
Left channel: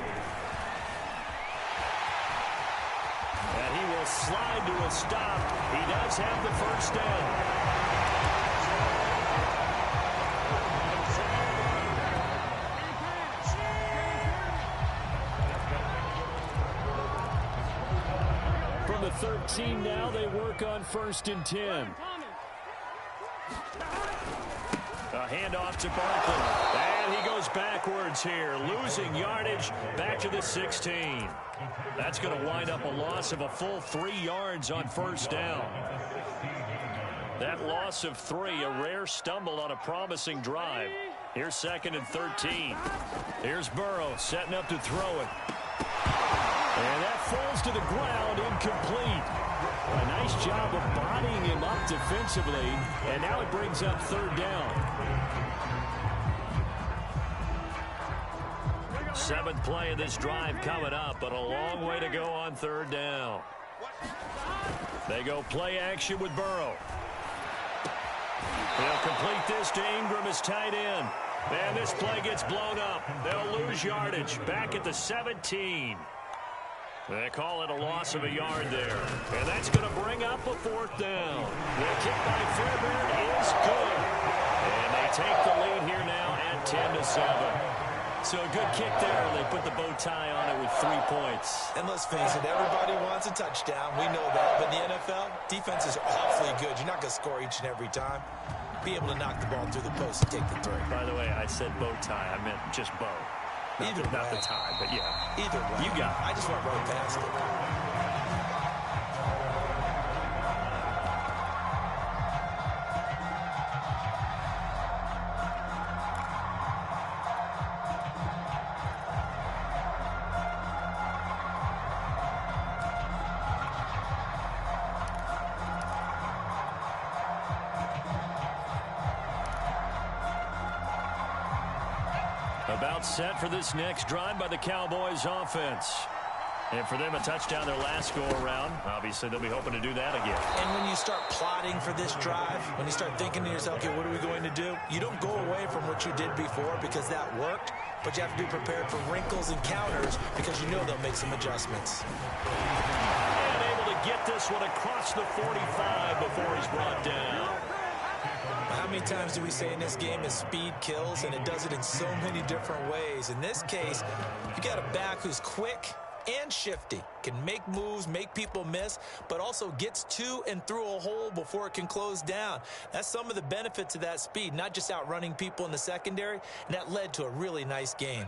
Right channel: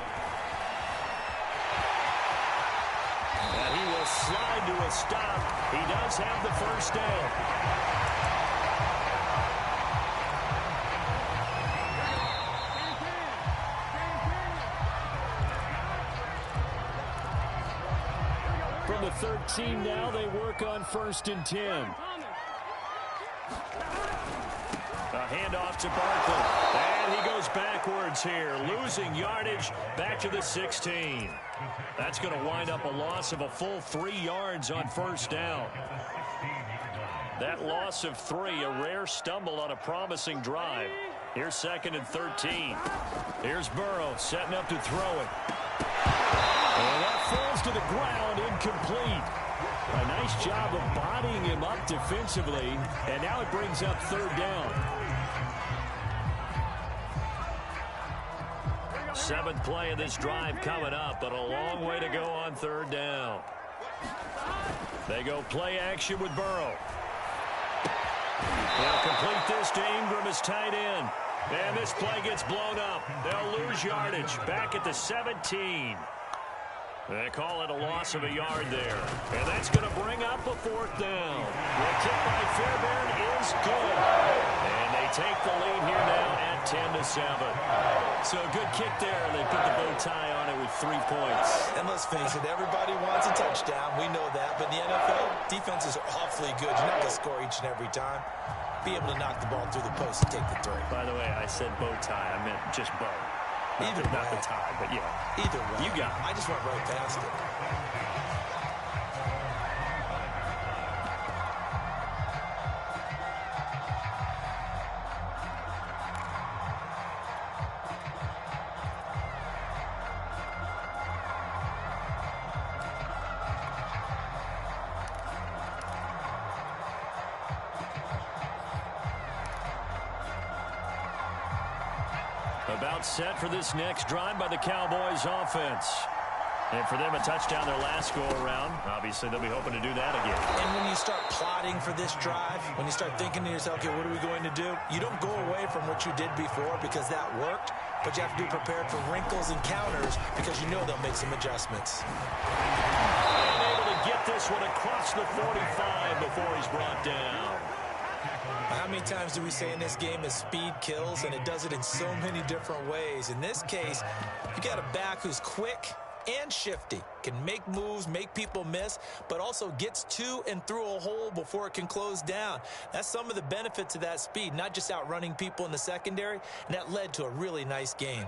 And he will slide to a stop. He does have the first down. From the 13 now, they work on 1st and 10. A handoff to Barkley. And he goes backwards here, losing yardage back to the 16. That's going to wind up a loss of a full 3 yards on first down. That loss of 3, a rare stumble on a promising drive. Here's 2nd and 13. Here's Burrow setting up to throw it. And that falls to the ground, incomplete. A nice job of bodying him up defensively, and now it brings up 3rd down. 7th play of this drive coming up, but a long way to go on 3rd down. They go play action with Burrow. They'll complete this to Ingram as tight end. And this play gets blown up. They'll lose yardage back at the 17. They call it a loss of a yard there. And that's going to bring up a 4th down. The kick by Fairbairn is good. And they take the lead here now at 10-7. So a good kick there. They put the bow tie on it with 3 points. And let's face it, everybody wants a touchdown. We know that. But in the NFL, defenses are awfully good. You're not going to score each and every time. Be able to knock the ball through the post and take the 3. By the way, I said bow tie. I meant just bow. Not the tie, but yeah. Either way. You got it. I just went right past it. About set for this next drive by the Cowboys offense. And for them, a touchdown their last go-around. Obviously, they'll be hoping to do that again. And when you start plotting for this drive, when you start thinking to yourself, okay, what are we going to do? You don't go away from what you did before because that worked, but you have to be prepared for wrinkles and counters because you know they'll make some adjustments. And able to get this one across the 45 before he's brought down. How many times do we say in this game is speed kills, and it does it in so many different ways. In this case, you got a back who's quick and shifty, can make moves, make people miss, but also gets to and through a hole before it can close down. That's some of the benefits of that speed, not just outrunning people in the secondary, and that led to a really nice game.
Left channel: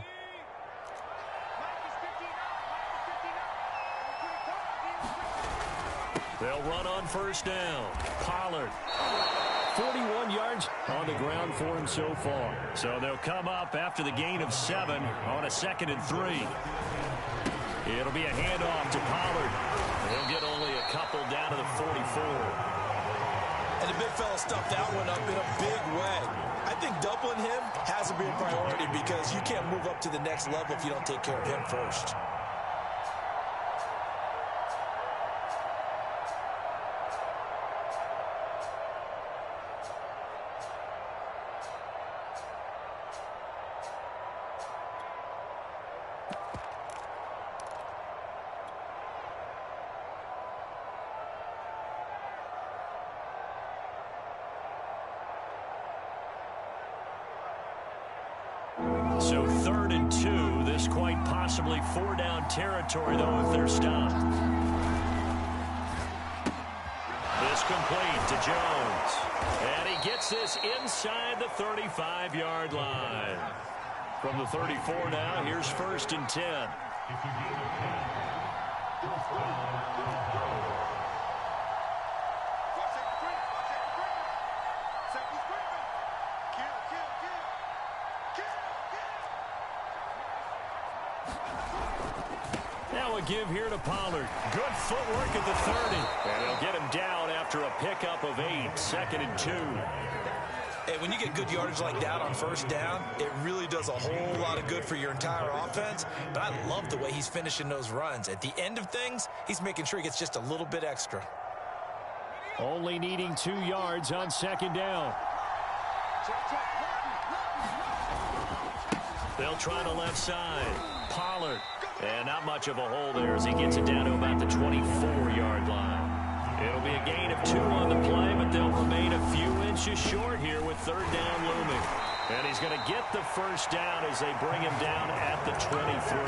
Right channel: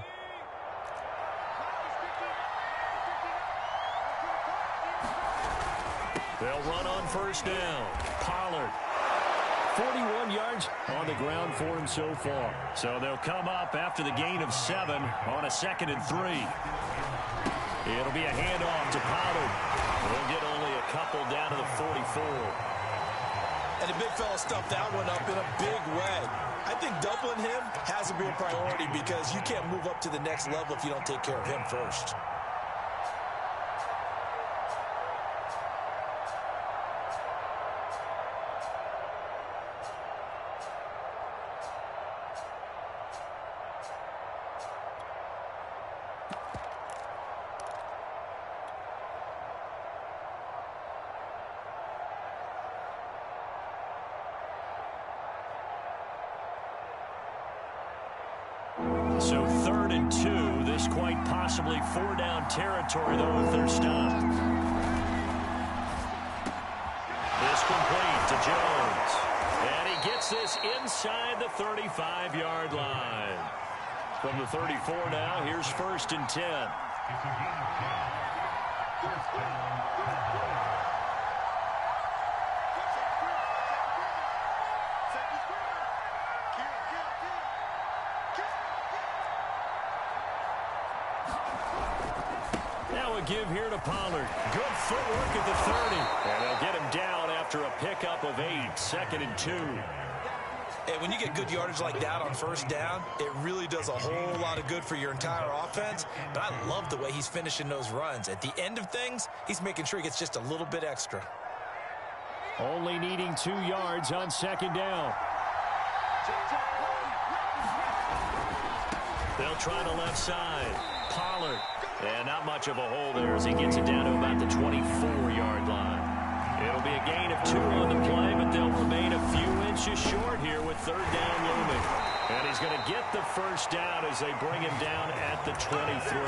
They'll run on first down. Pollard. 41 yards on the ground for him so far. So they'll come up after the gain of 7 on a 2nd and 3. It'll be a handoff to Pollard. He'll get only a couple down to the 44. And the big fella stuffed that one up in a big way. I think doubling him has to be a priority because you can't move up to the next level if you don't take care of him first. So 3rd and 2. This quite possibly 4-down territory, though, if they're stopped. This complete to Jones. And he gets this inside the 35-yard line. From the 34 now, here's 1st and 10. Now a give here to Pollard. Good footwork at the 30. And they'll get him down after a pickup of 8. 2nd and 2. Hey, when you get good yardage like that on first down, it really does a whole lot of good for your entire offense. But I love the way he's finishing those runs. At the end of things, he's making sure he gets just a little bit extra. Only needing 2 yards on 2nd down. They'll try the left side. Pollard. And not much of a hole there as he gets it down to about the 24-yard line. It'll be a gain of 2 on the play, but they'll remain a few inches short here with 3rd down looming. And he's going to get the first down as they bring him down at the 23.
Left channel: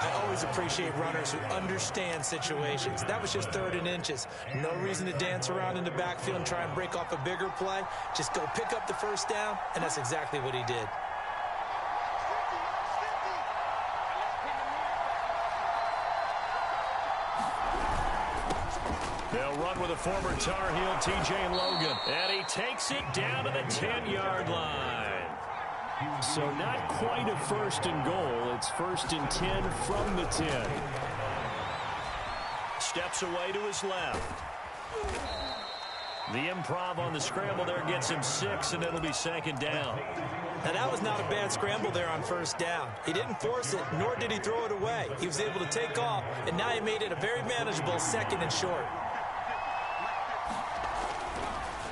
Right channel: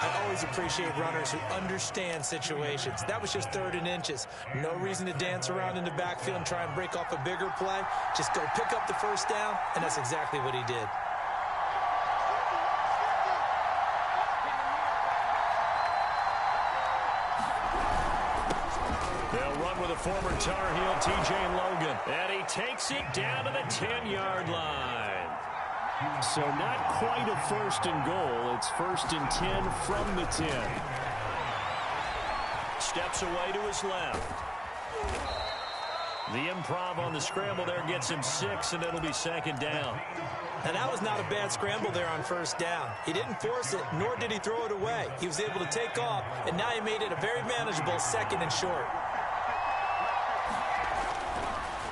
I always appreciate runners who understand situations. That was just 3rd and inches. No reason to dance around in the backfield and try and break off a bigger play. Just go pick up the first down, and that's exactly what he did. They'll run with a former Tar Heel, T.J. Logan. And he takes it down to the 10-yard line. So not quite a 1st and goal. It's 1st and 10 from the 10. Steps away to his left. The improv on the scramble there gets him 6, and it'll be 2nd down. Now, that was not a bad scramble there on first down. He didn't force it, nor did he throw it away. He was able to take off, and now he made it a very manageable 2nd and short.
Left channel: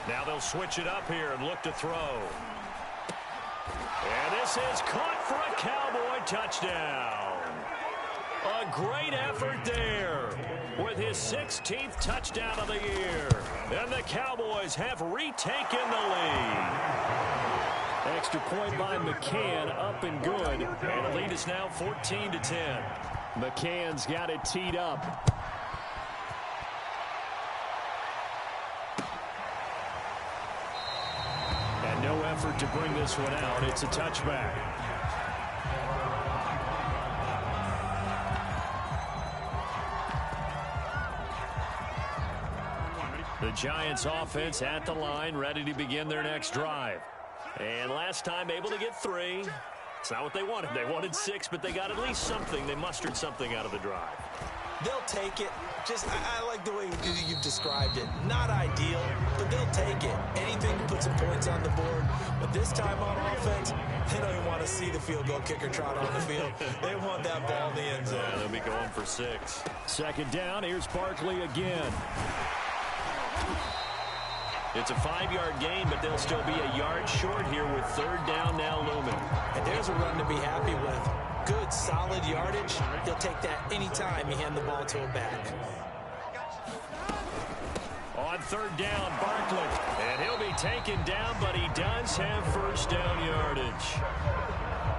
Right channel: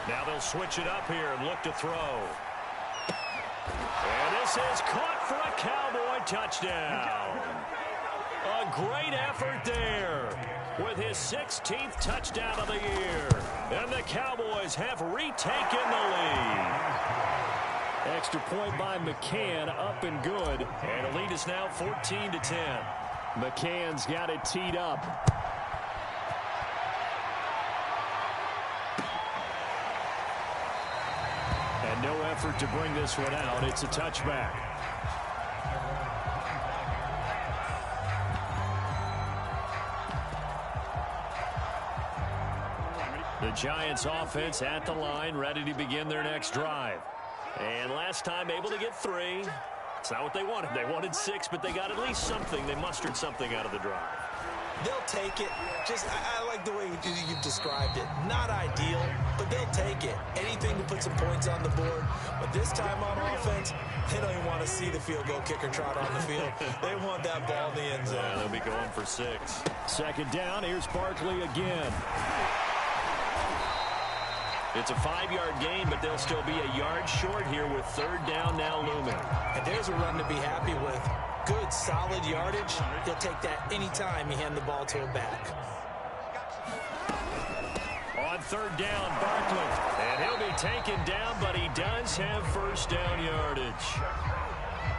Now they'll switch it up here and look to throw. And this is caught for a Cowboy touchdown. A great effort there with his 16th touchdown of the year. And the Cowboys have retaken the lead. Extra point by McCann, up and good. And the lead is now 14-10. McCann's got it teed up. And no effort to bring this one out. It's a touchback. The Giants offense at the line, ready to begin their next drive. And last time able to get 3. It's not what they wanted. They wanted 6, but they got at least something. They mustered something out of the drive. They'll take it. I like the way you've described it. Not ideal, but they'll take it. Anything to put some points on the board. But this time on offense, they don't even want to see the field goal kicker trot on the field. They want that ball in the end zone. Yeah, they'll be going for 6. 2nd down. Here's Barkley again. It's a 5-yard gain, but they'll still be a yard short here with 3rd down now looming. And there's a run to be happy with. Good, solid yardage. He'll take that anytime you hand the ball to a back. On 3rd down, Barkley. And he'll be taken down, but he does have first down yardage.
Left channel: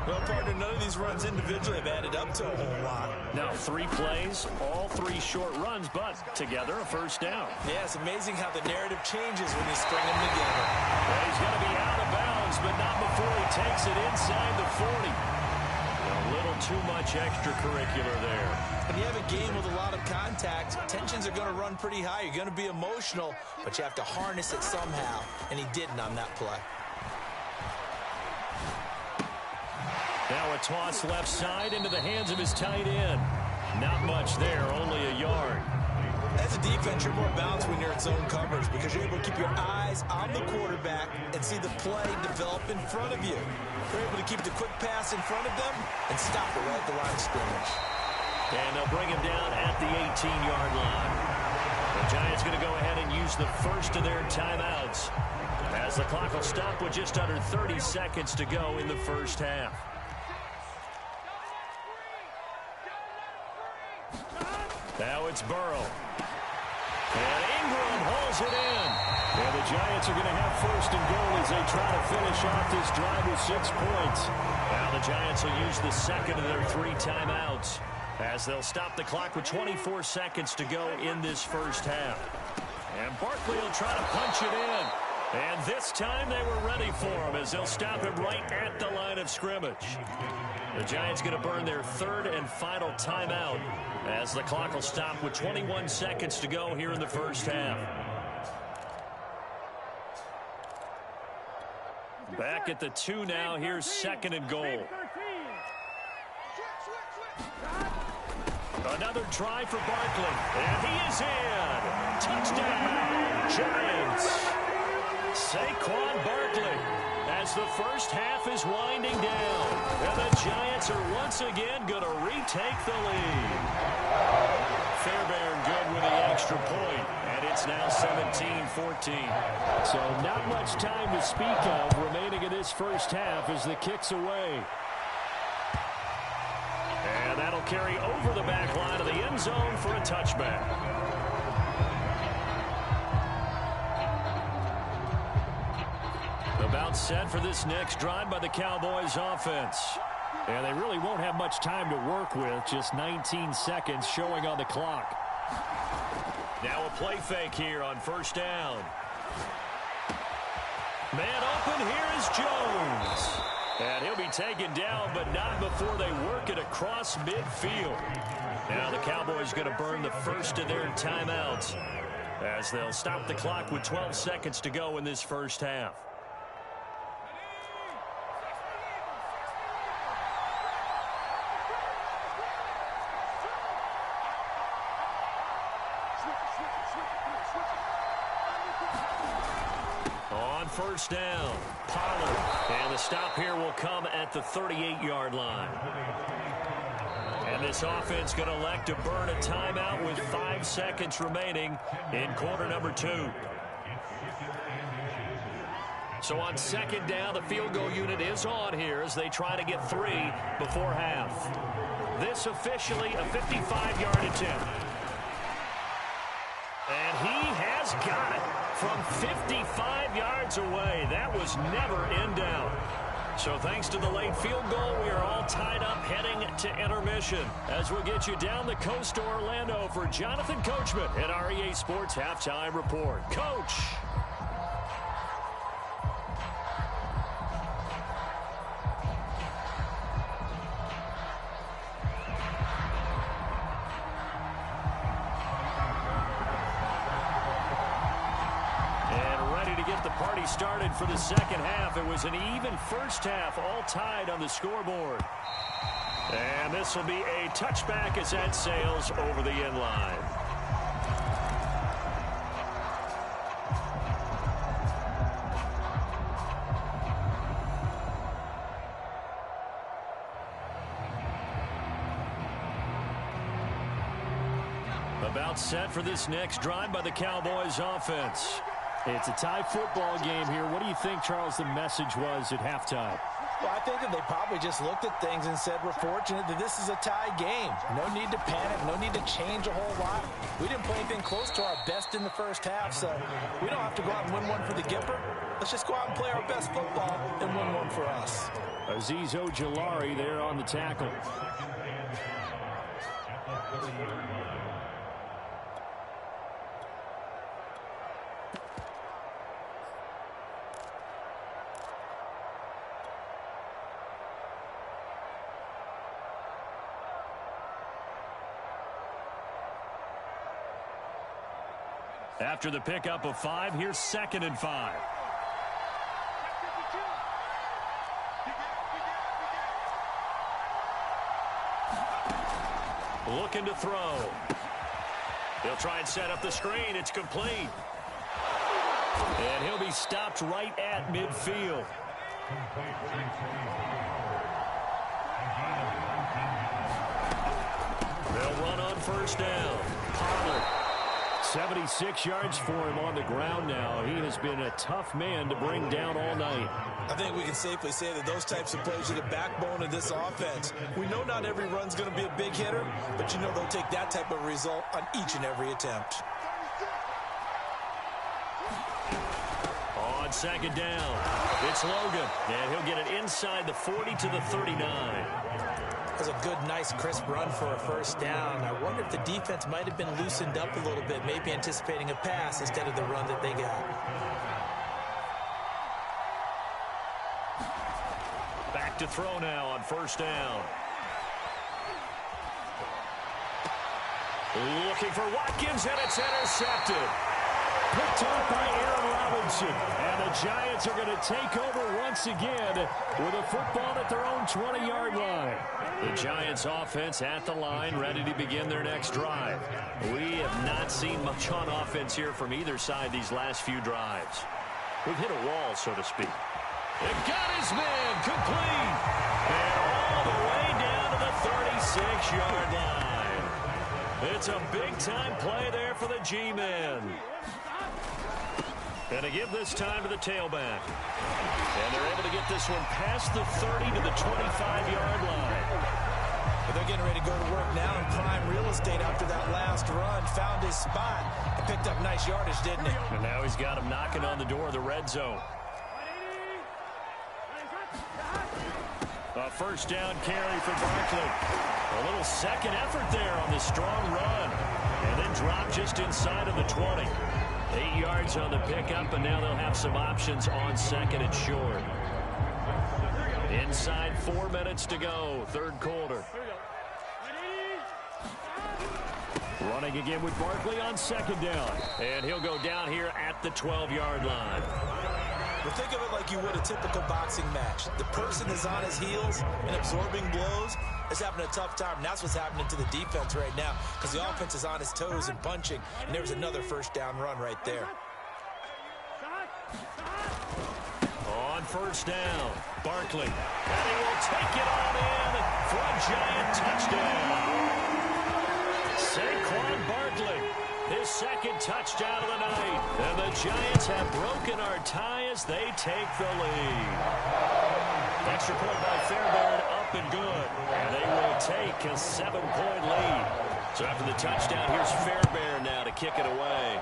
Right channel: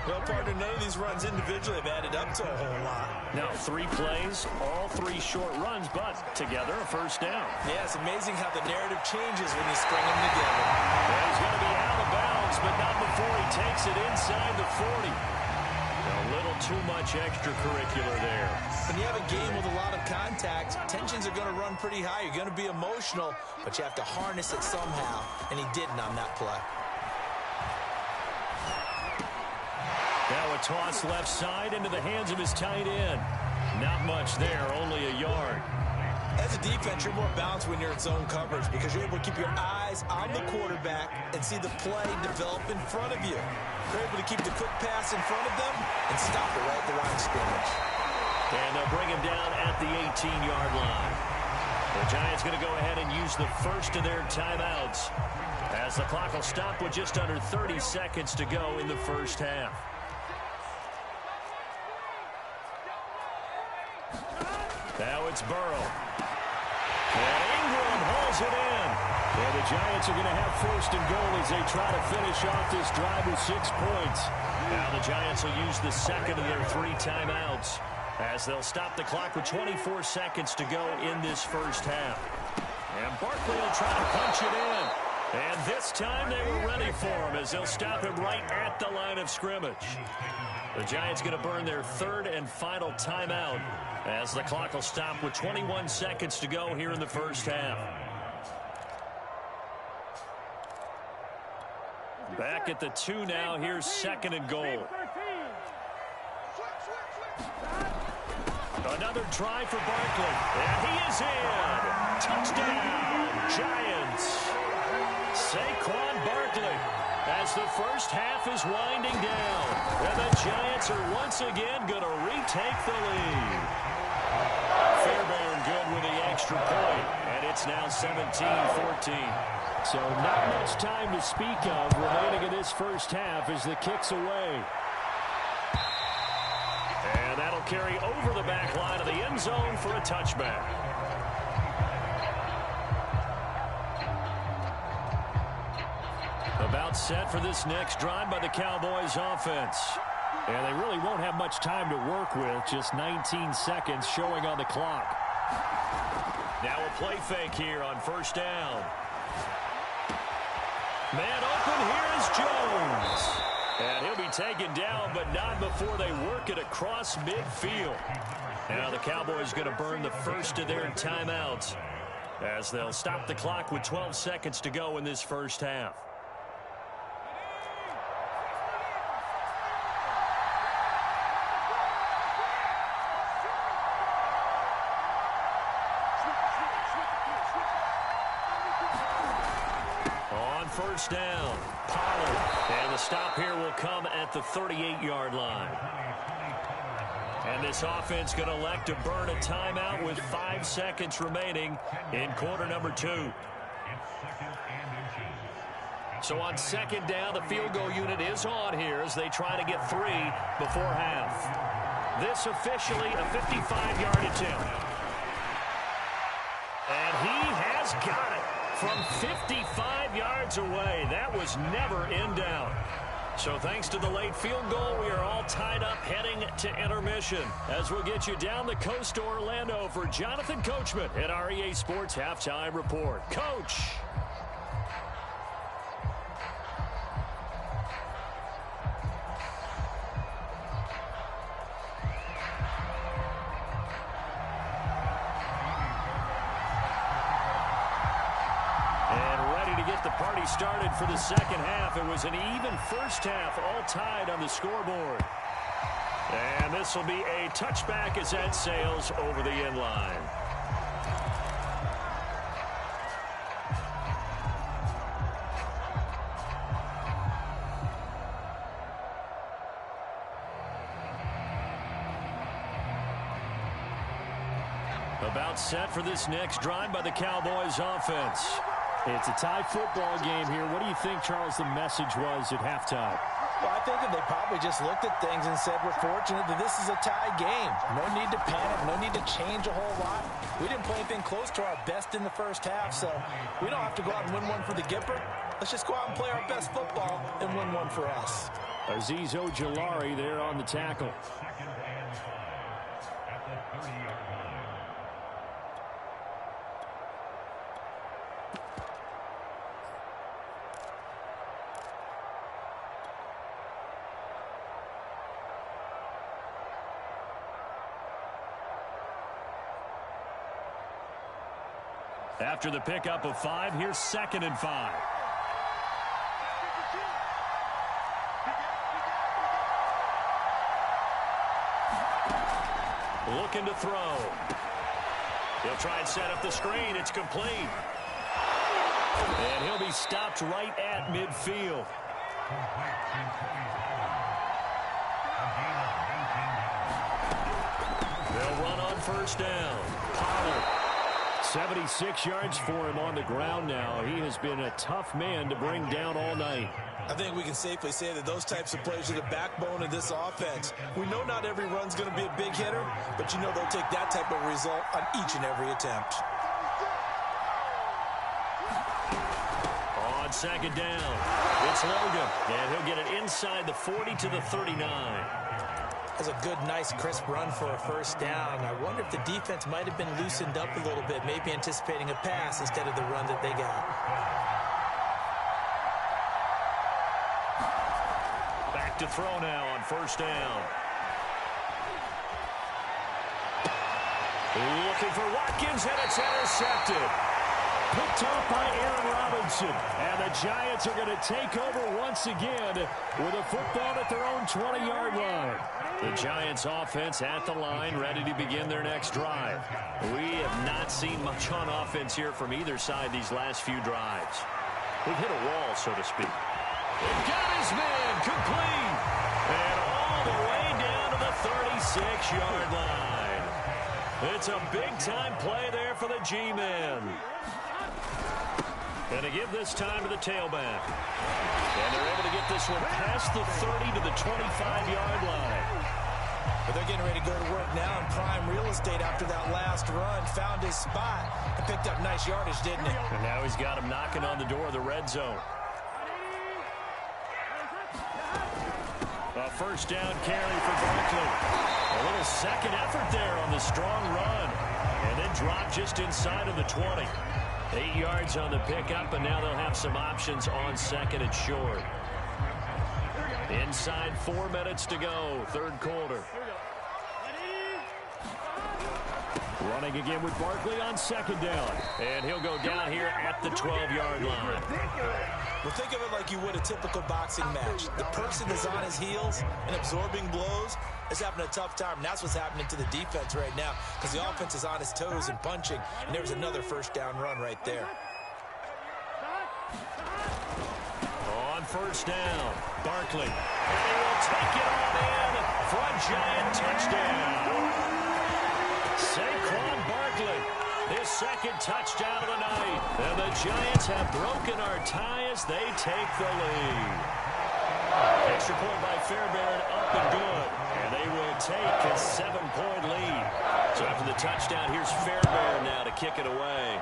Well, partner, none of these runs individually have added up to a whole lot. Now, 3 plays, all 3 short runs, but together a first down. Yeah, it's amazing how the narrative changes when you string them together. Yeah, he's going to be out of bounds, but not before he takes it inside the 40. A little too much extracurricular there. When you have a game with a lot of contact, tensions are going to run pretty high. You're going to be emotional, but you have to harness it somehow, and he didn't on that play. Now a toss left side into the hands of his tight end. Not much there, only a yard. As a defense, you're more balanced when you're in zone coverage because you're able to keep your eyes on the quarterback and see the play develop in front of you. You're able to keep the quick pass in front of them and stop it right at the line of scrimmage. And they'll bring him down at the 18-yard line. The Giants going to go ahead and use the first of their timeouts as the clock will stop with just under 30 seconds to go in the first half. Now it's Burrow. And Ingram hauls it in. And the Giants are going to have first and goal as they try to finish off this drive with 6 points. Now the Giants will use the second of their 3 timeouts as they'll stop the clock with 24 seconds to go in this first half. And Barkley will try to punch it in. And this time they were ready for him as they'll stop him right at the line of scrimmage. The Giants going to burn their 3rd and final timeout as the clock will stop with 21 seconds to go here in the first half. Back at the 2 now. Here's 2nd and goal. Another try for Barkley. And he is in. Touchdown, Giants. Saquon Barkley as the first half is winding down. And the Giants are once again going to retake the lead. Fairbairn good with the extra point, and it's now 17-14. So not much time to speak of remaining in this first half as the kick's away. And that'll carry over the back line of the end zone for a touchback. About set for this next drive by the Cowboys offense. And they really won't have much time to work with, just 19 seconds showing on the clock. Now a play fake here on first down. Man open, here is Jones. And he'll be taken down, but not before they work it across midfield. Now the Cowboys going to burn the first of their timeouts as they'll stop the clock with 12 seconds to go in this first half. On first down, Pollard. And the stop here will come at the 38-yard line. And this offense going to elect to burn a timeout with 5 seconds remaining in quarter number 2. So on second down, the field goal unit is on here as they try to get 3 before half. This officially a 55-yard attempt. And he has got it from 55 yards away. That was never in doubt. So thanks to the late field goal, we are all tied up heading to intermission as we'll get you down the coast to Orlando for Jonathan Coachman at our EA Sports Halftime Report. Coach. Get the party started for the second half. It was an even first half, all tied on the scoreboard. And this will be a touchback as that sails over the end line. About set for this next drive by the Cowboys offense. It's a tie football game here. What do you think, Charles, the message was at halftime? Well, I think that they probably just looked at things and said, we're fortunate that this is a tie game. No need to panic. No need to change a whole lot. We didn't play anything close to our best in the first half, so we don't have to go out and win one for the Gipper. let's just go out and play our best football and win one for us. Azeez Ojulari there on the tackle. After the pickup of 5, here's 2nd and 5. Looking to throw. He'll try and set up the screen. It's complete. And he'll be stopped right at midfield. They'll run on 1st down. Pollard. 76 yards for him on the ground now. He has been a tough man to bring down all night. I think we can safely say that those types of plays are the backbone of this offense. We know not every run's going to be a big hitter, but you know they'll take that type of result on each and every attempt. On 2nd down, it's Logan, and he'll get it inside the 40 to the 39. That's a good, nice, crisp run for a 1st down. I wonder if the defense might have been loosened up a little bit, maybe anticipating a pass instead of the run that they got. Back to throw now on 1st down. Looking for Watkins, and it's intercepted. Picked off by Aaron Robinson. And the Giants are going to take over once again with a football at their own 20-yard line. The Giants offense at the line, ready to begin their next drive. We have not seen much on offense here from either side these last few drives. We've hit a wall, so to speak. It got his man complete. And all the way down to the 36-yard line. It's a big-time play there for the G-men. And to give this time to the tailback. And they're able to get this one past the 30 to the 25-yard line. But they're getting ready to go to work now in prime real estate after that last run. Found his spot and picked up nice yardage, didn't he? And now he's got him knocking on the door of the red zone. A 1st down carry for Barkley. A little second effort there on the strong run. And then dropped just inside of the 20. 8 yards on the pickup, and now they'll have some options on 2nd and short. Inside 4 minutes to go, 3rd quarter. Running again with Barkley on 2nd down. And he'll go down here at the 12-yard line. Well, think of it like you would a typical boxing match. The person is on his heels and absorbing blows is having a tough time. And that's what's happening to the defense right now because the offense is on his toes and punching. And there was another 1st down run right there. On 1st down, Barkley. And he will take it on in for a Giant touchdown. Saquon Barkley. His 2nd touchdown of the night. And the Giants have broken our tie as they take the lead. Extra point by Fairbairn, up and good. And they will take a 7-point lead. So after the touchdown, here's Fairbairn now to kick it away.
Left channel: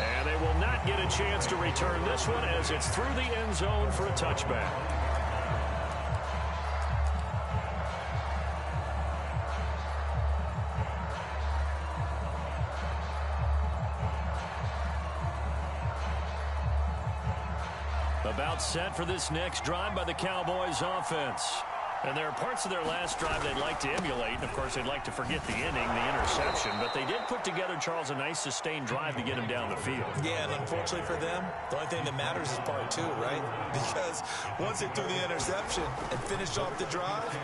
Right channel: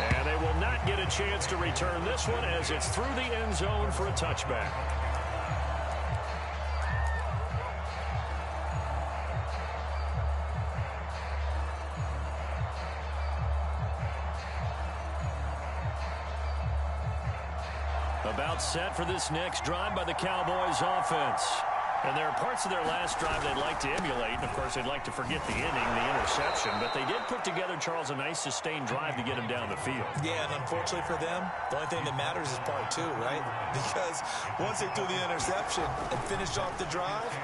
And they will not get a chance to return this one as it's through the end zone for a touchback. About set for this next drive by the Cowboys offense. And there are parts of their last drive they'd like to emulate. And, of course, they'd like to forget the inning, the interception. But they did put together, Charles, a nice sustained drive to get him down the field. Yeah, and unfortunately for them, the only thing that matters is part 2, right? Because once they threw the interception and finished off the drive,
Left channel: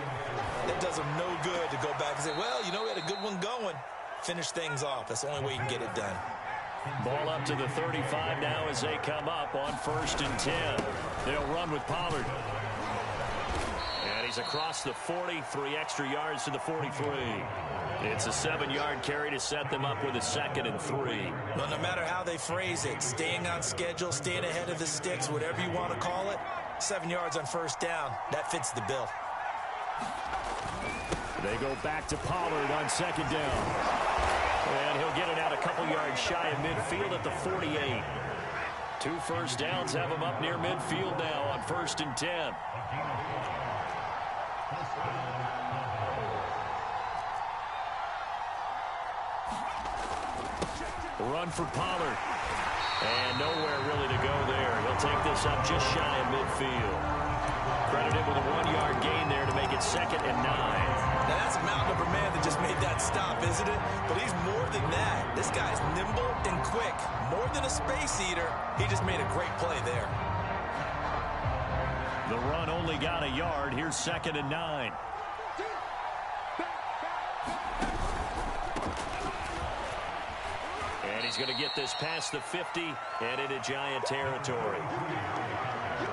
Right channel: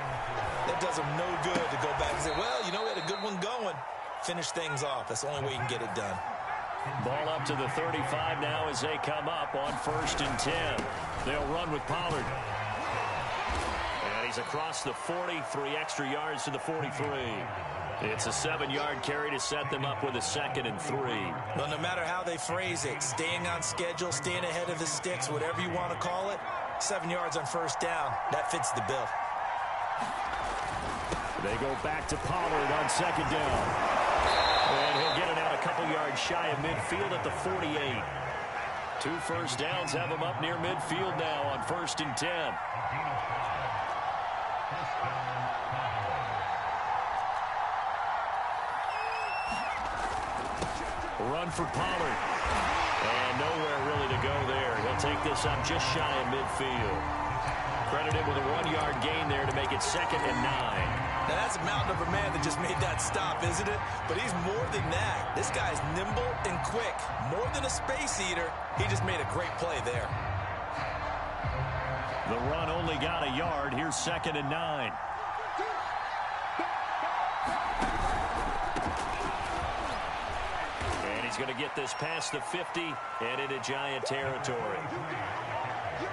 that does them no good to go back and say, well, you know, we had a good one going. Finish things off. That's the only way you can get it done. Ball up to the 35 now as they come up on 1st and 10. They'll run with Pollard. And he's across the 40, 3 extra yards to the 43. It's a 7-yard carry to set them up with a 2nd and 3. Well, no matter how they phrase it, staying on schedule, staying ahead of the sticks, whatever you want to call it, 7 yards on 1st down, that fits the bill. They go back to Pollard on 2nd down. And he'll get it out a couple yards shy of midfield at the 48. 2 first downs have him up near midfield now on 1st and 10. Run for Pollard. And nowhere really to go there. He'll take this up just shy of midfield. Credited with a 1-yard gain there to make it 2nd and 9. Now that's a mountain of a man that just made that stop, isn't it? But he's more than that. This guy's nimble and quick. More than a space eater. He just made a great play there. The run only got a yard. Here's 2nd and 9. And he's going to get this past the 50 and into Giant territory.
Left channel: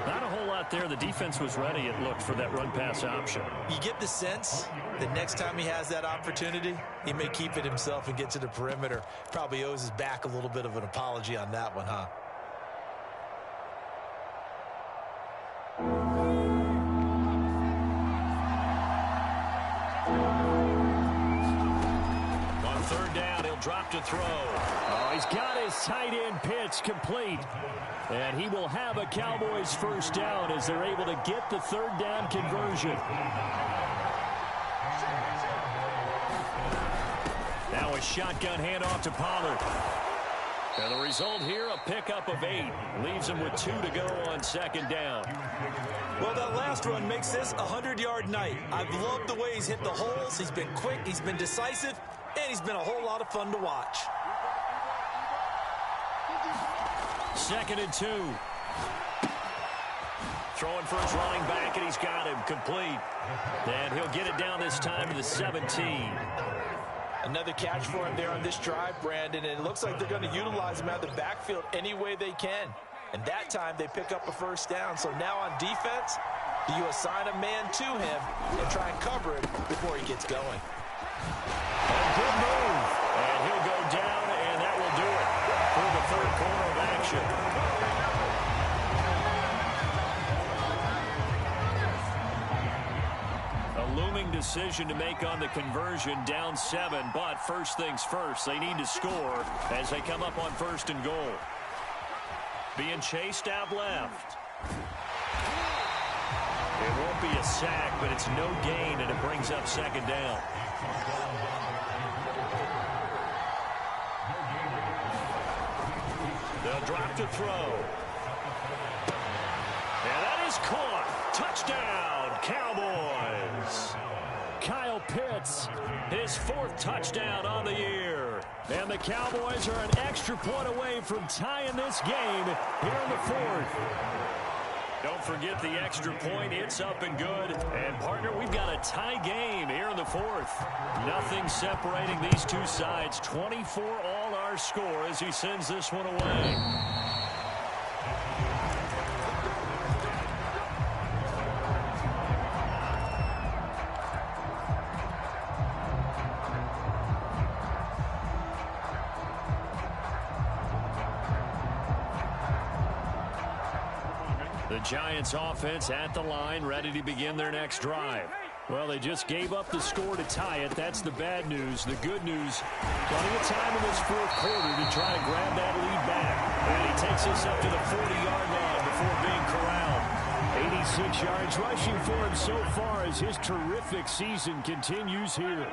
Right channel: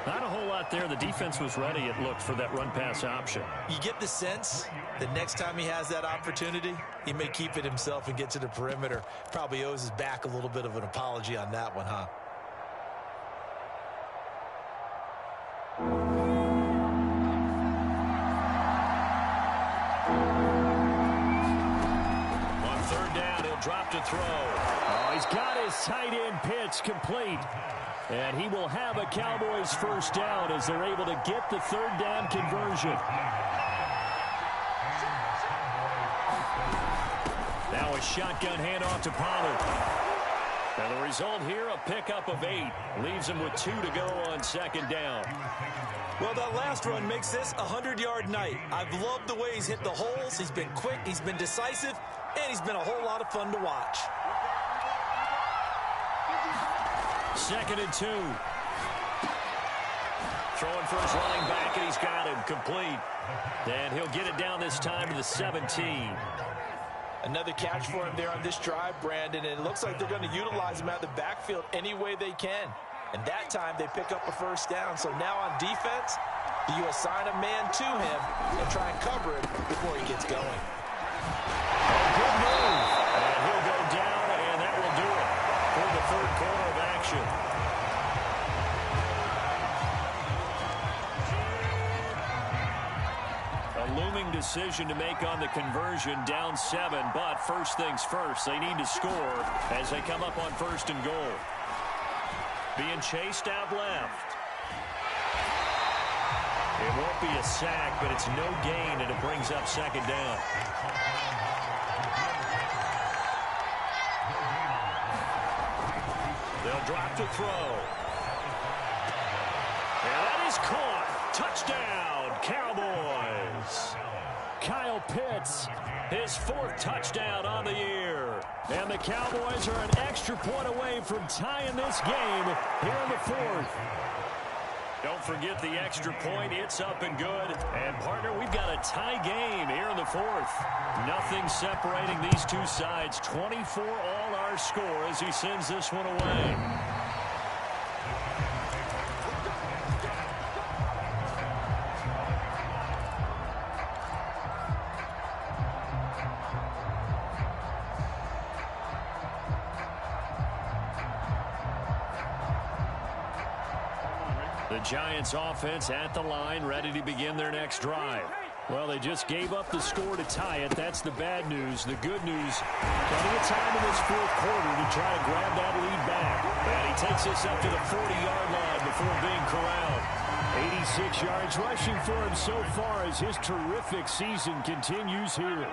Not a whole lot there. The defense was ready, it looked, for that run-pass option. You get the sense that next time he has that opportunity, he may keep it himself and get to the perimeter. Probably owes his back a little bit of an apology on that one, huh? On 3rd down, he'll drop to throw. Oh, he's got his tight end pitch complete. And he will have a Cowboys 1st down as they're able to get the 3rd down conversion. Now a shotgun handoff to Pollard. And the result here, a pickup of 8. Leaves him with 2 to go on 2nd down. Well, that last run makes this a 100-yard night. I've loved the way he's hit the holes. He's been quick, he's been decisive, and he's been a whole lot of fun to watch. 2nd and 2. Throwing for his running back, and he's got him complete. And he'll get it down this time to the 17. Another catch for him there on this drive, Brandon, and it looks like they're going to utilize him out of the backfield any way they can. And that time they pick up a 1st down. So now on defense, do you assign a man to him and try and cover him before he gets going? Oh, good move. And he'll go down, and that will do it for the 3rd quarter of action. A looming decision to make on the conversion, down 7, but first things first, they need to score as they come up on 1st and goal. Being chased out left. It won't be a sack, but it's no gain, and it brings up 2nd down. They'll drop to throw. And that is caught. Touchdown, Cowboys. Kyle Pitts, his 4th touchdown on the year. And the Cowboys are an extra point away from tying this game here in the 4th. Don't forget the extra point. It's up and good. And, partner, we've got a tie game here in the 4th. Nothing separating these two sides. 24 all our score as he sends this one away. The Giants offense at the line, ready to begin their next drive. Well, they just gave up the score to tie it. That's the bad news. The good news, plenty of time in this 4th quarter to try to grab that lead back. And he takes us up to the 40-yard line before being corralled. 86 yards rushing for him so far as his terrific season continues here.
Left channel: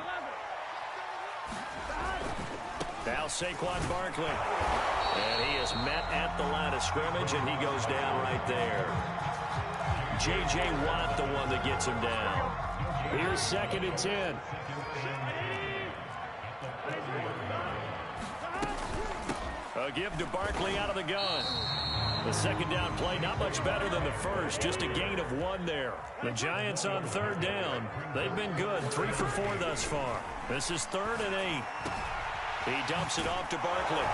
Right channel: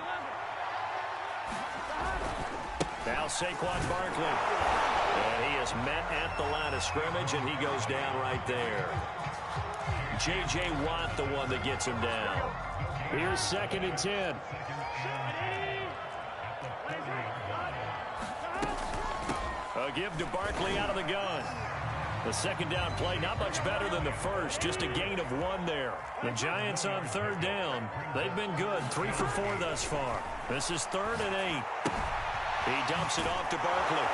Now Saquon Barkley. And he is met at the line of scrimmage, and he goes down right there. J.J. Watt, the one that gets him down. Here's 2nd and 10. A give to Barkley out of the gun. The 2nd down play, not much better than the first. Just a gain of 1 there. The Giants on 3rd down. They've been good. 3 for 4 thus far. This is 3rd and 8. He dumps it off to Barkley.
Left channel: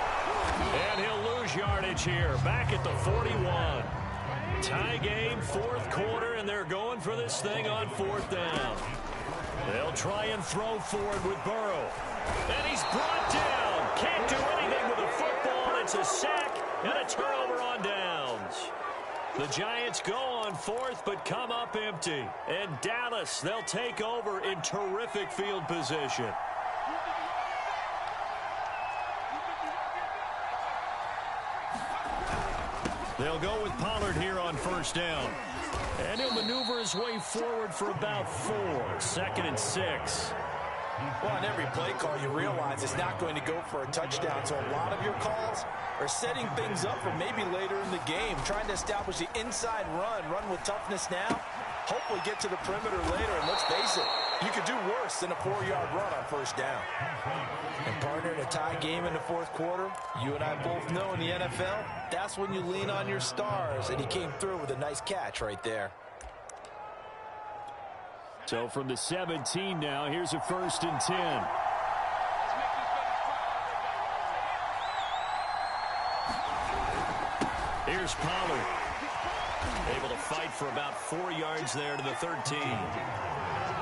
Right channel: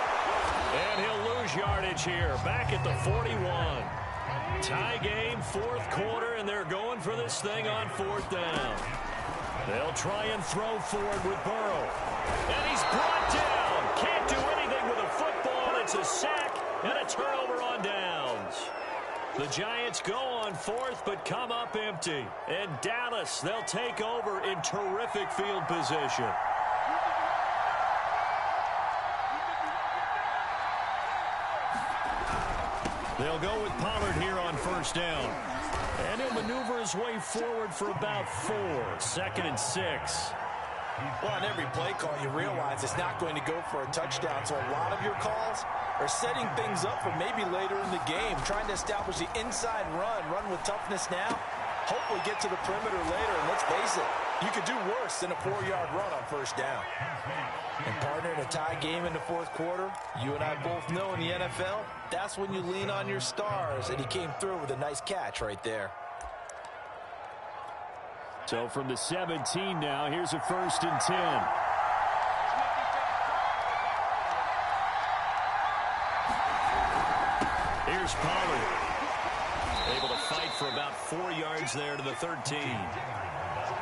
And he'll lose yardage here. Back at the 41. Tie game, 4th quarter, and they're going for this thing on 4th down. They'll try and throw forward with Burrow. And he's brought down. Can't do anything with a football. It's a sack and a turnover on downs. The Giants go on 4th, but come up empty. And Dallas, they'll take over in terrific field position. They'll go with Pollard here on first down. And he'll maneuver his way forward for about 4. 2nd and 6. Well, on every play call, you realize it's not going to go for a touchdown. So a lot of your calls are setting things up for maybe later in the game, trying to establish the inside run with toughness now, hopefully get to the perimeter later. And let's face it, you could do worse than a 4-yard run on first down. And partner, in a tie game in the fourth quarter, you and I both know in the NFL, that's when you lean on your stars. And he came through with a nice catch right there. So from the 17 now, here's a 1st and 10. Here's Pollard. Able to fight for about 4 yards there to the 13.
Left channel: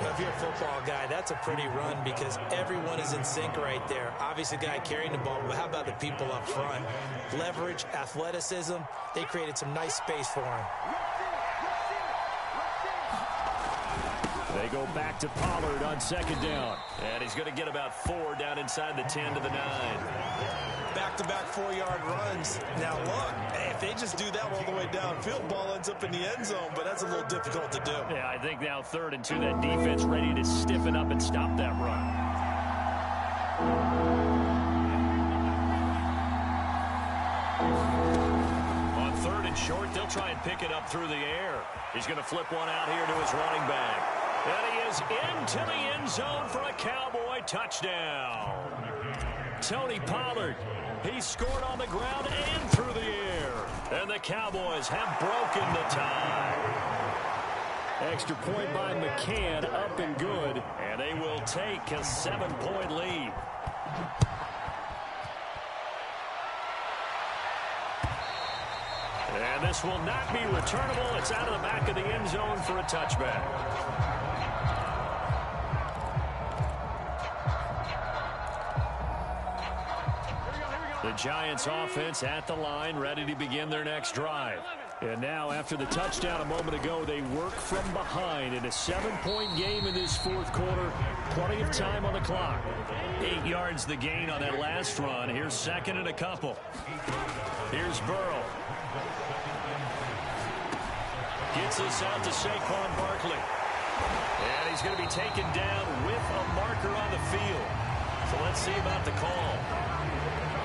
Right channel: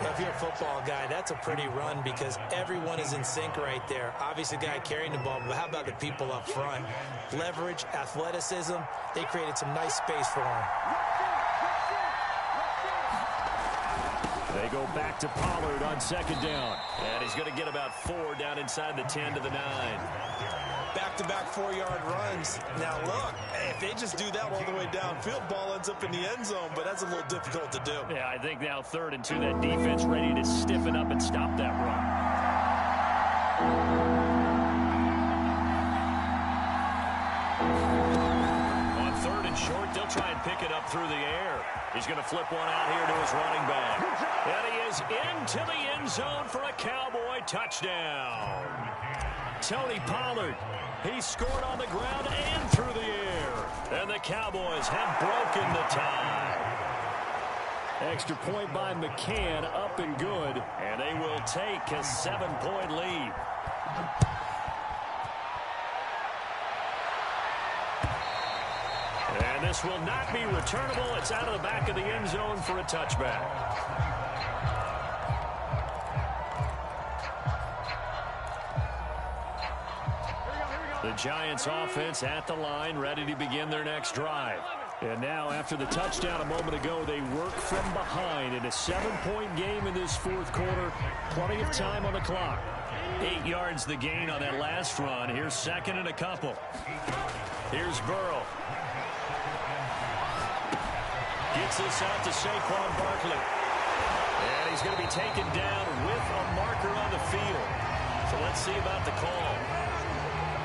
Well, if you're a football guy, that's a pretty run because everyone is in sync right there. Obviously, the guy carrying the ball, but how about the people up front? Leverage, athleticism, they created some nice space for him. They go back to Pollard on 2nd down. And he's going to get about 4 down inside the 10 to the 9. Back-to-back 4-yard runs. Now, look, if they just do that all the way downfield, ball ends up in the end zone, but that's a little difficult to do. Yeah, I think now 3rd and 2, that defense ready to stiffen up and stop that run. On 3rd and short, they'll try and pick it up through the air. He's going to flip one out here to his running back. And he is into the end zone for a Cowboy touchdown. Tony Pollard, he scored on the ground and through the air. And the Cowboys have broken the tie. Extra point by McCann, up and good. And they will take a 7-point lead. And this will not be returnable. It's out of the back of the end zone for a touchback. The Giants offense at the line, ready to begin their next drive. And now, after the touchdown a moment ago, they work from behind in a 7-point game in this fourth quarter. Plenty of time on the clock. 8 yards the gain on that last run. Here's 2nd and a couple. Here's Burrow. Gets this out to Saquon Barkley. And he's going to be taken down with a marker on the field. So let's see about the call.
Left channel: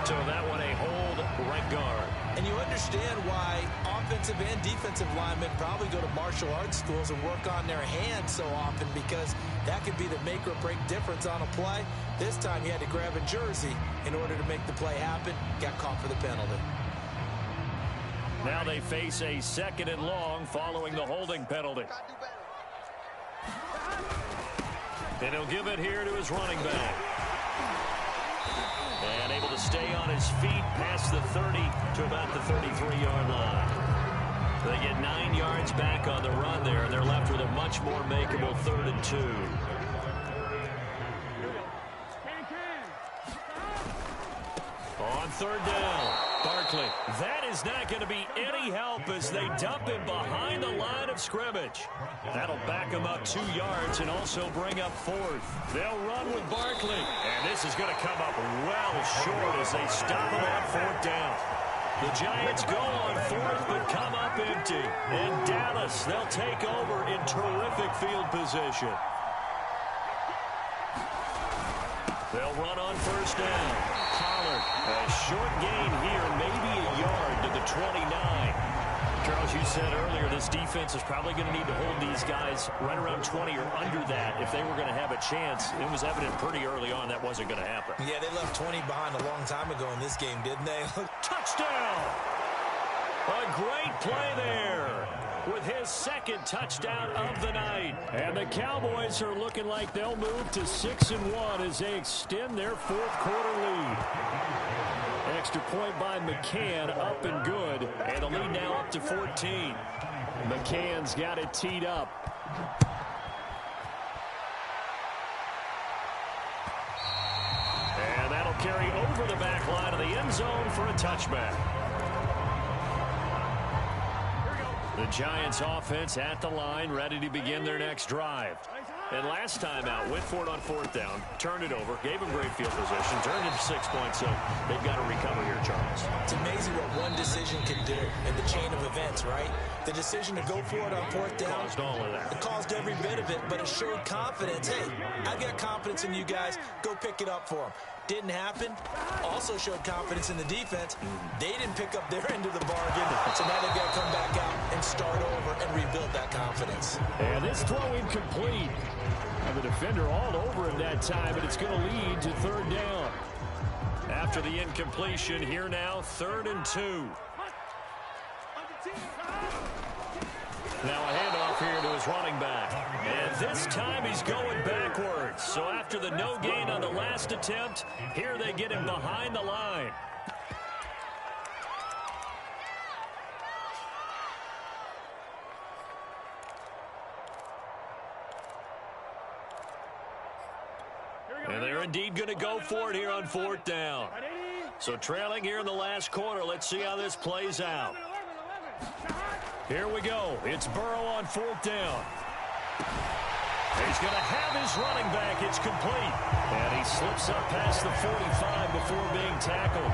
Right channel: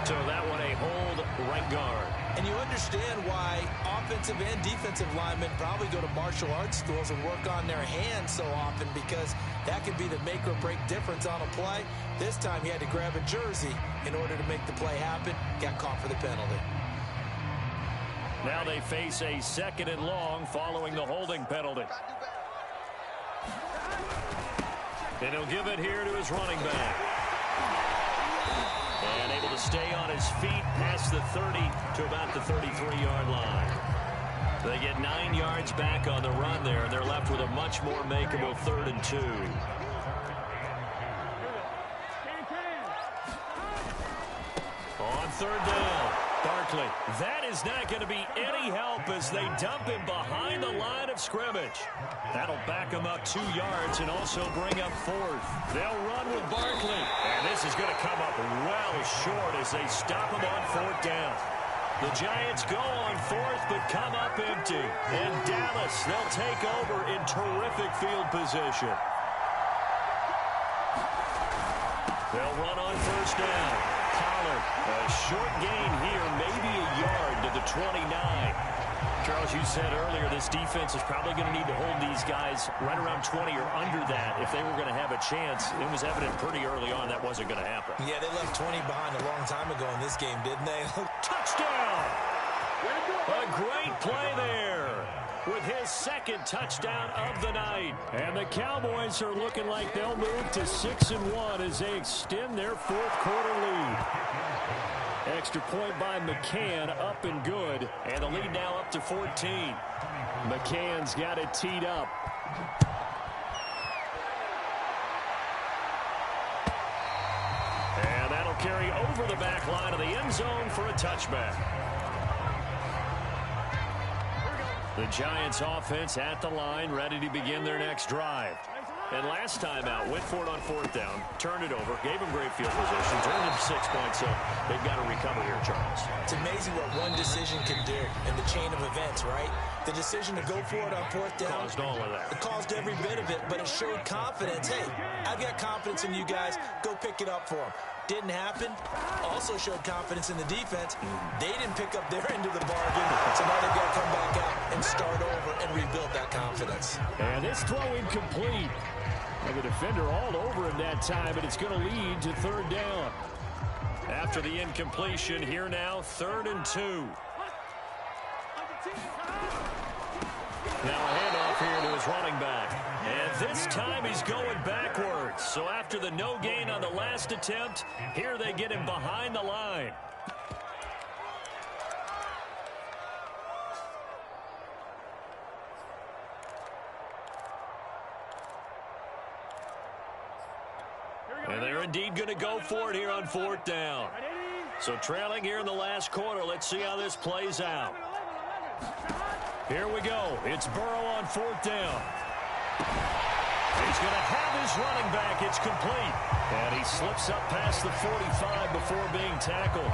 So that one a hold right guard. And you understand why offensive and defensive linemen probably go to martial arts schools and work on their hands so often, because that could be the make or break difference on a play. This time he had to grab a jersey in order to make the play happen. Got caught for the penalty. Now they face a 2nd and long following the holding penalty. And he'll give it here to his running back. And able to stay on his feet past the 30 to about the 33-yard line. They get 9 yards back on the run there, and they're left with a much more makeable 3rd and 2. On 3rd down, Barkley. That is not going to be any help as they dump him behind the line of scrimmage. That'll back him up 2 yards and also bring up 4th. They'll run with Barkley. And this is going to come up well short as they stop him on 4th down. The Giants go on 4th but come up empty. And Dallas, they'll take over in terrific field position. They'll run on 1st down. Pollard, a short gain here, maybe a yard to the 29. Charles, you said earlier this defense is probably going to need to hold these guys right around 20 or under that if they were going to have a chance. It was evident pretty early on that wasn't going to happen. Yeah, they left 20 behind a long time ago in this game, didn't they? Touchdown! A great play there with his 2nd touchdown of the night. And the Cowboys are looking like they'll move to 6-1 as they extend their fourth quarter lead. Extra point by McCann, up and good. And the lead now up to 14. McCann's got it teed up. And that'll carry over the back line of the end zone for a touchback. The Giants offense at the line, ready to begin their next drive. And last time out, went for it on fourth down, turned it over, gave him great field position, turned it 6 points, so they've got to recover here, Charles. It's amazing what one decision can do in the chain of events, right? The decision to go for it on fourth down Caused all of that. It caused every bit of it, but it showed confidence. Hey, I've got confidence in you guys. Go pick it up for them. Didn't happen. Also showed confidence in the defense. They didn't pick up their end of the bargain, so now they've got to come back out and start over and rebuild that confidence. And this throw incomplete. Well, the defender all over him that time, but it's going to lead to third down. After the incompletion, here now, 3rd and 2. Now a handoff here to his running back. And this time he's going backwards. So after the no gain on the last attempt, here they get him behind the line. And they're indeed going to go for it here on fourth down. So trailing here in the last quarter. Let's see how this plays out. Here we go. It's Burrow on fourth down. He's going to have his running back. It's complete. And he slips up past the 45 before being tackled.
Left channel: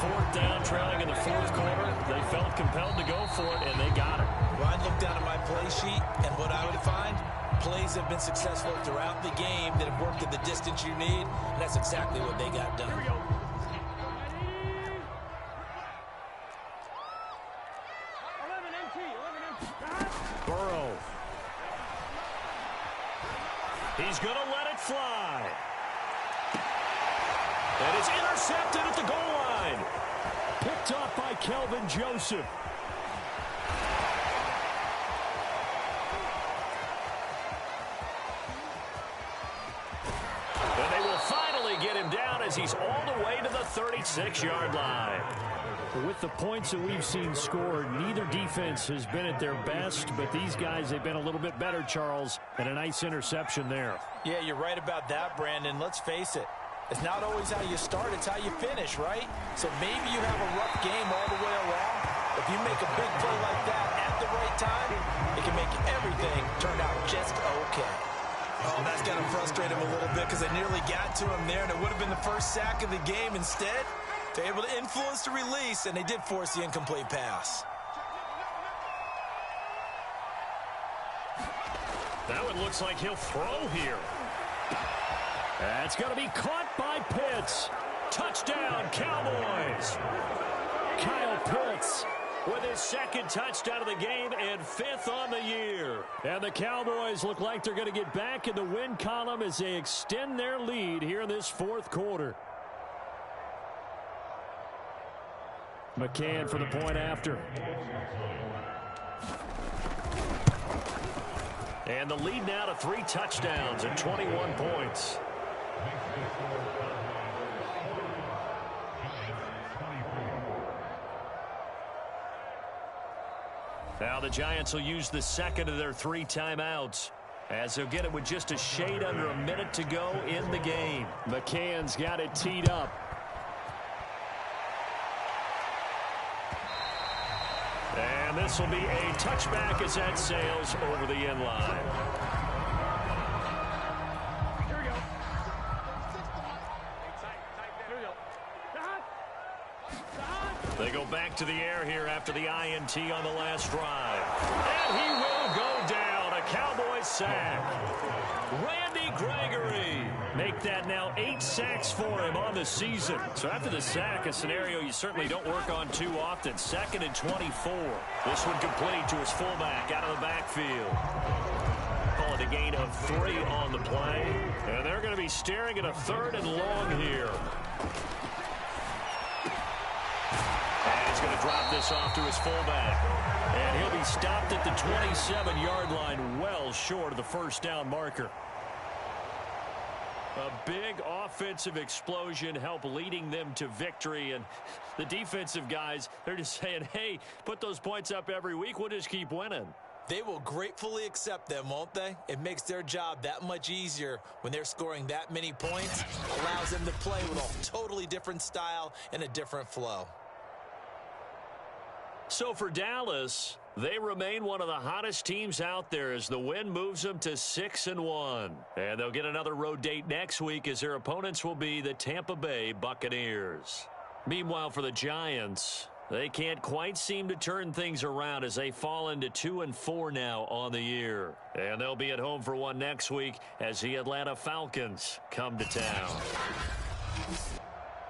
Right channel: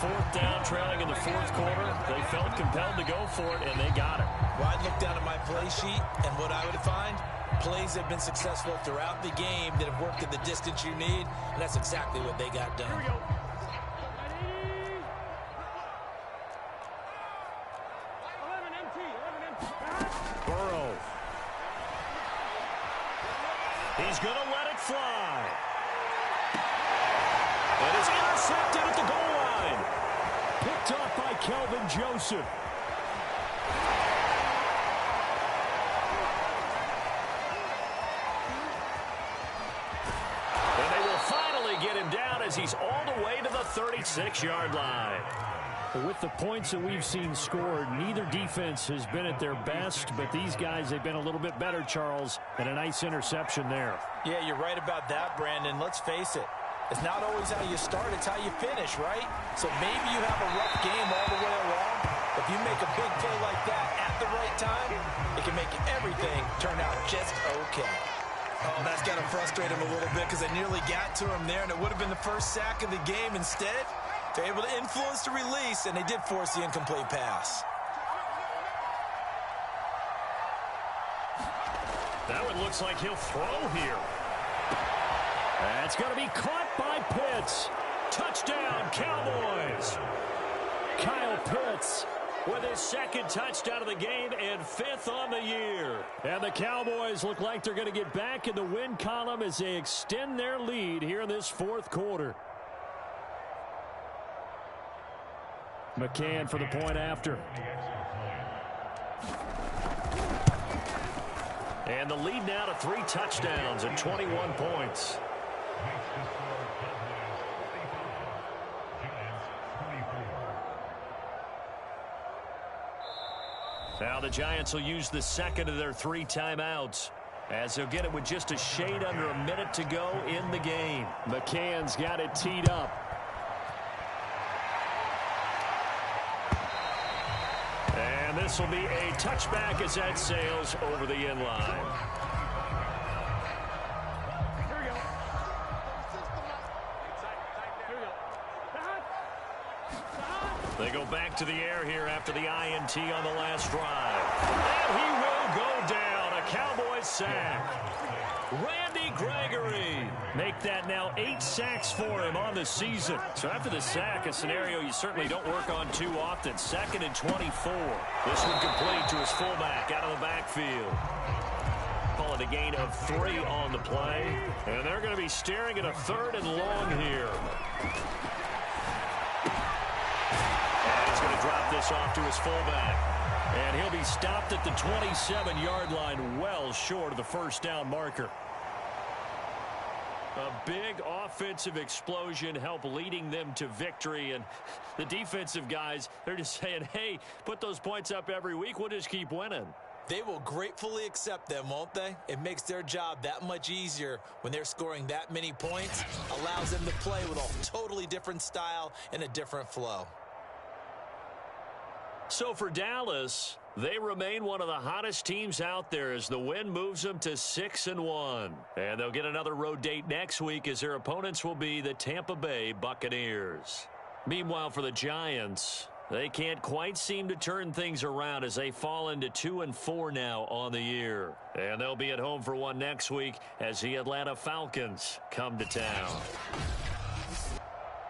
Fourth down, trailing in the fourth quarter. They felt compelled to go for it, and they got it. Well, I'd look down at my play sheet, and what I would find, plays have been successful throughout the game that have worked at the distance you need, and that's exactly what they got done. Here we go. Burrow. He's going to let it fly. And it's intercepted at the goal line. Picked off by Kelvin Joseph. And they will finally get him down as he's all the way to the 36-yard line. With the points that we've seen scored, neither defense has been at their best, but these guys, they've been a little bit better, Charles, and a nice interception there. Yeah, you're right about that, Brandon. Let's face it. It's not always how you start, it's how you finish, right? So maybe you have a rough game all the way along. If you make a big play like that at the right time, it can make everything turn out just okay. Oh, that's got to frustrate him a little bit because they nearly got to him there, and it would have been the first sack of the game. Instead, they're able to influence the release, and they did force the incomplete pass. That one looks like he'll throw here. That's going to be caught by Pitts. Touchdown, Cowboys. Kyle Pitts with his second touchdown of the game and 5th on the year. And the Cowboys look like they're going to get back in the win column as they extend their lead here in this fourth quarter. McCann for the point after. And the lead now to 3 touchdowns and 21 points. Now the Giants will use the second of their 3 timeouts, as they'll get it with just a shade under a minute to go in the game. McCann's got it teed up. And this will be a touchback as that sails over the end line. Here we go. They go back to the air here after the INT on the last drive. And he will go down. A Cowboys sack. Randy Gregory. Make that now 8 sacks for him on the season. So after the sack, a scenario you certainly don't work on too often. 2nd and 24. This one complete to his fullback out of the backfield. Call it a gain of 3 on the play. And they're going to be staring at a 3rd and long here. And he's going to drop this off to his fullback. And he'll be stopped at the 27-yard line, well short of the first down marker. A big offensive explosion helped leading them to victory. And the defensive guys, they're just saying, hey, put those points up every week. We'll just keep winning. They will gratefully accept them, won't they? It makes their job that much easier when they're scoring that many points. Allows them to play with a totally different style and a different flow. So for Dallas, They remain one of the hottest teams out there as the win moves them to 6-1. And they'll get another road date next week as their opponents will be the Tampa Bay Buccaneers. Meanwhile, for the Giants, they can't quite seem to turn things around as they fall into 2-4 now on the year. And they'll be at home for one next week as the Atlanta Falcons come to town.